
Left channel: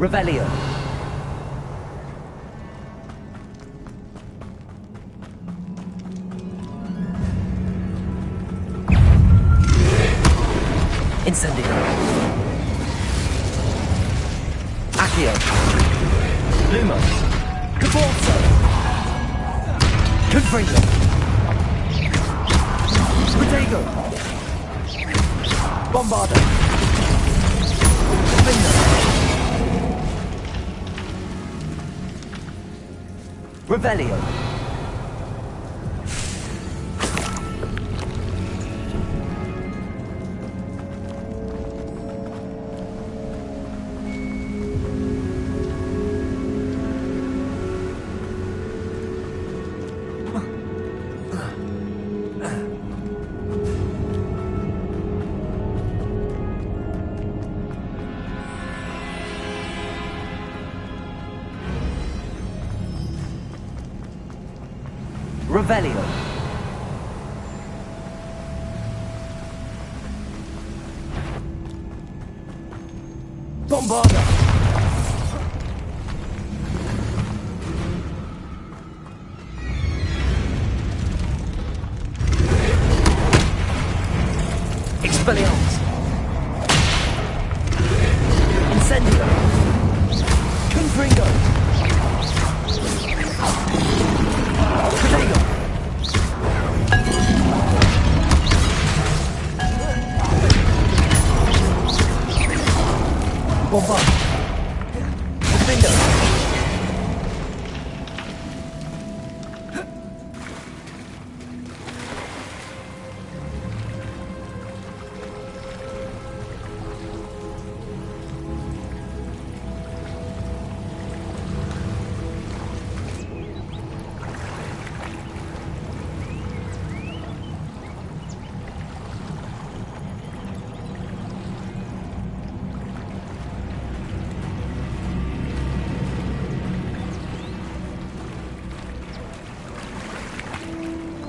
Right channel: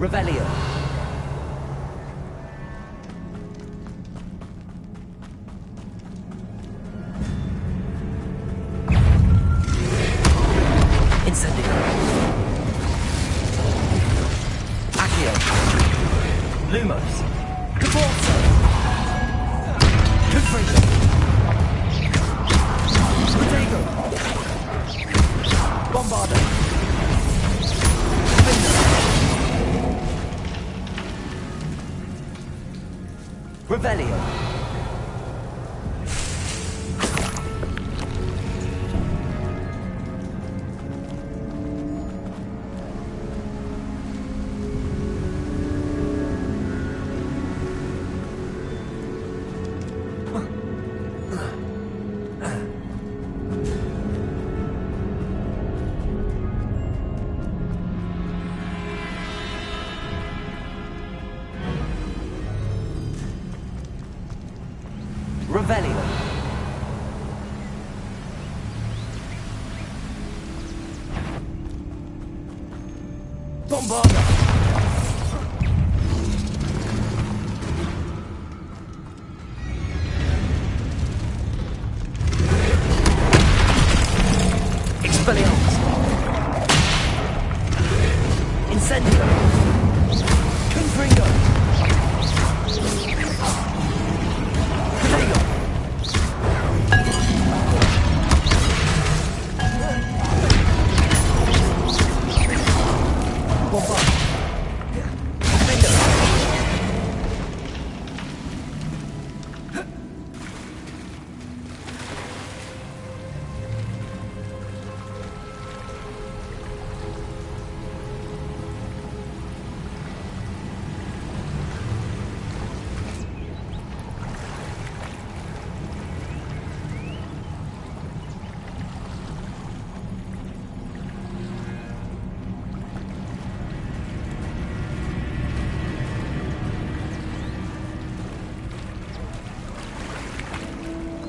Revelio. Incendio. Accio. Lumos. Caforzo. Confringo. Protego. Bombardo. Finder. Revelio. Revelio. Bombarda. Expelliarmus. Incendio. Confringo. Protego. Bombard. Finder.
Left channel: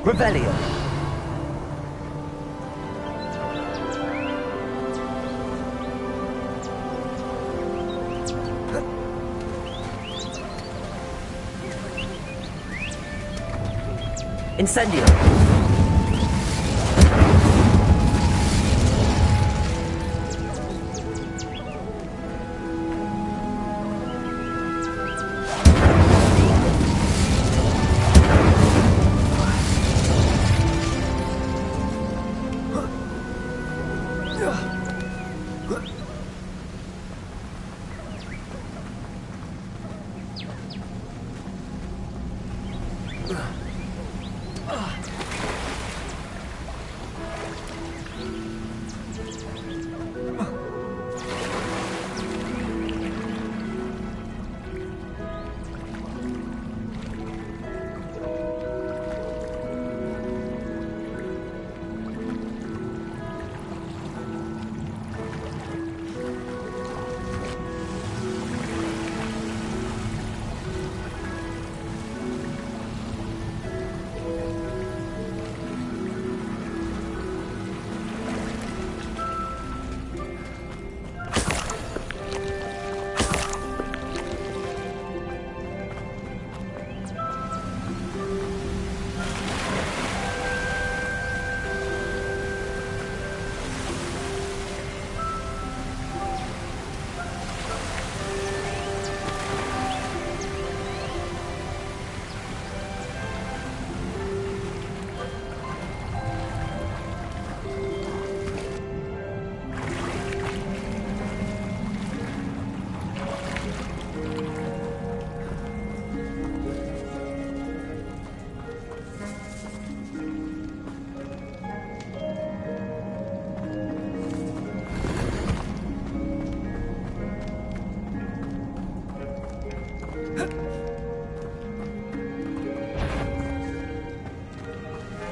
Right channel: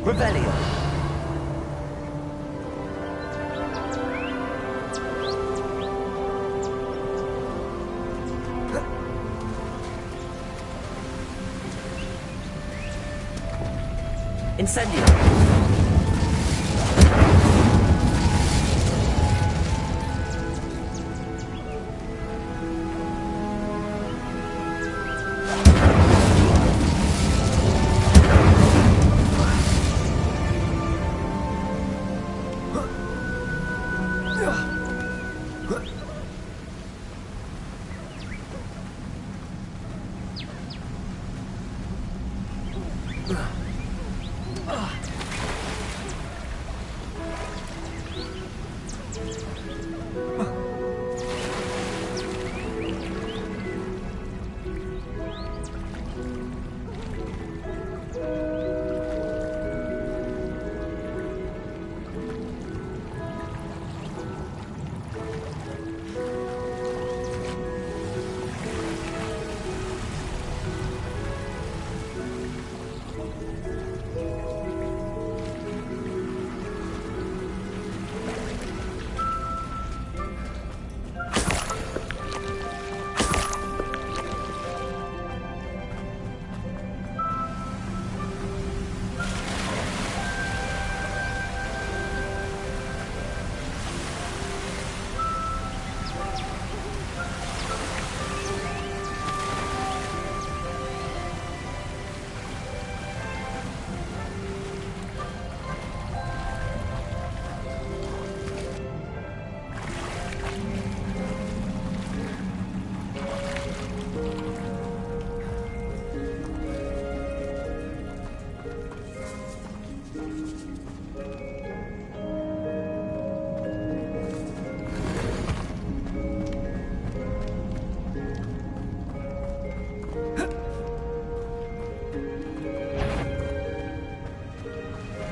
Revelio. Incendio.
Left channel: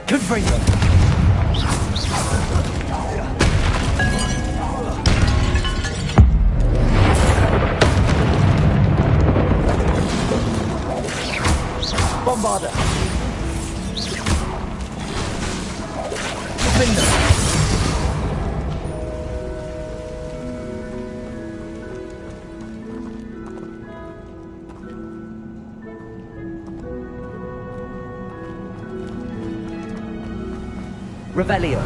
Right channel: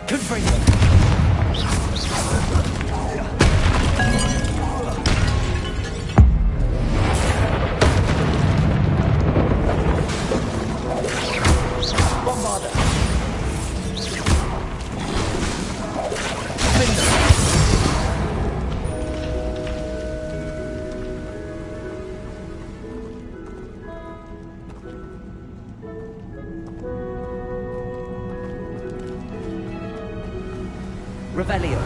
Confringo. Bombarda. Finder. Revelio.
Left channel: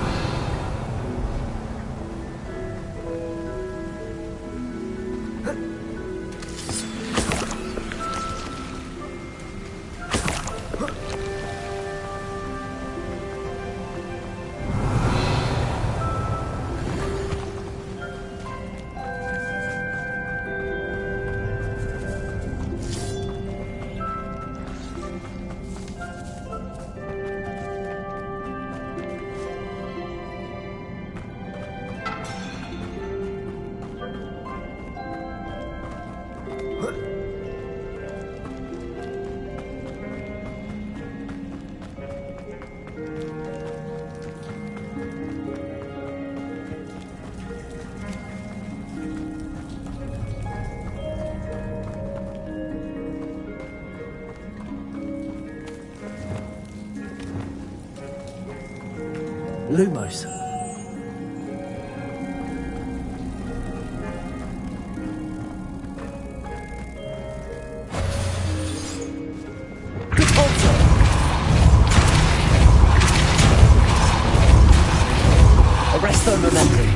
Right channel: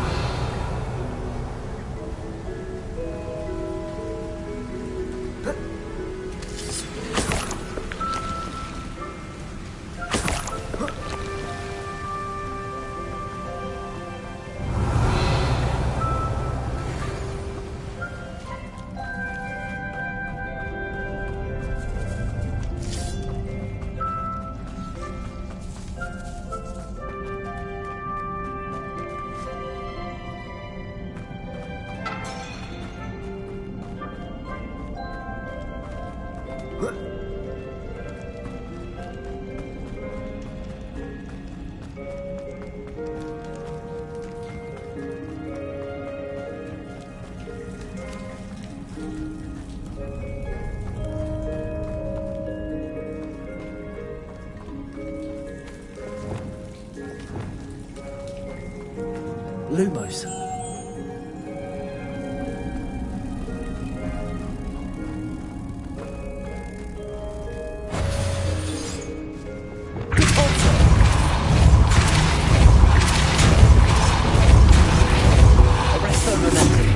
Lumos. Arresto momentum.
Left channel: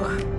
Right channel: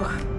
Ugh.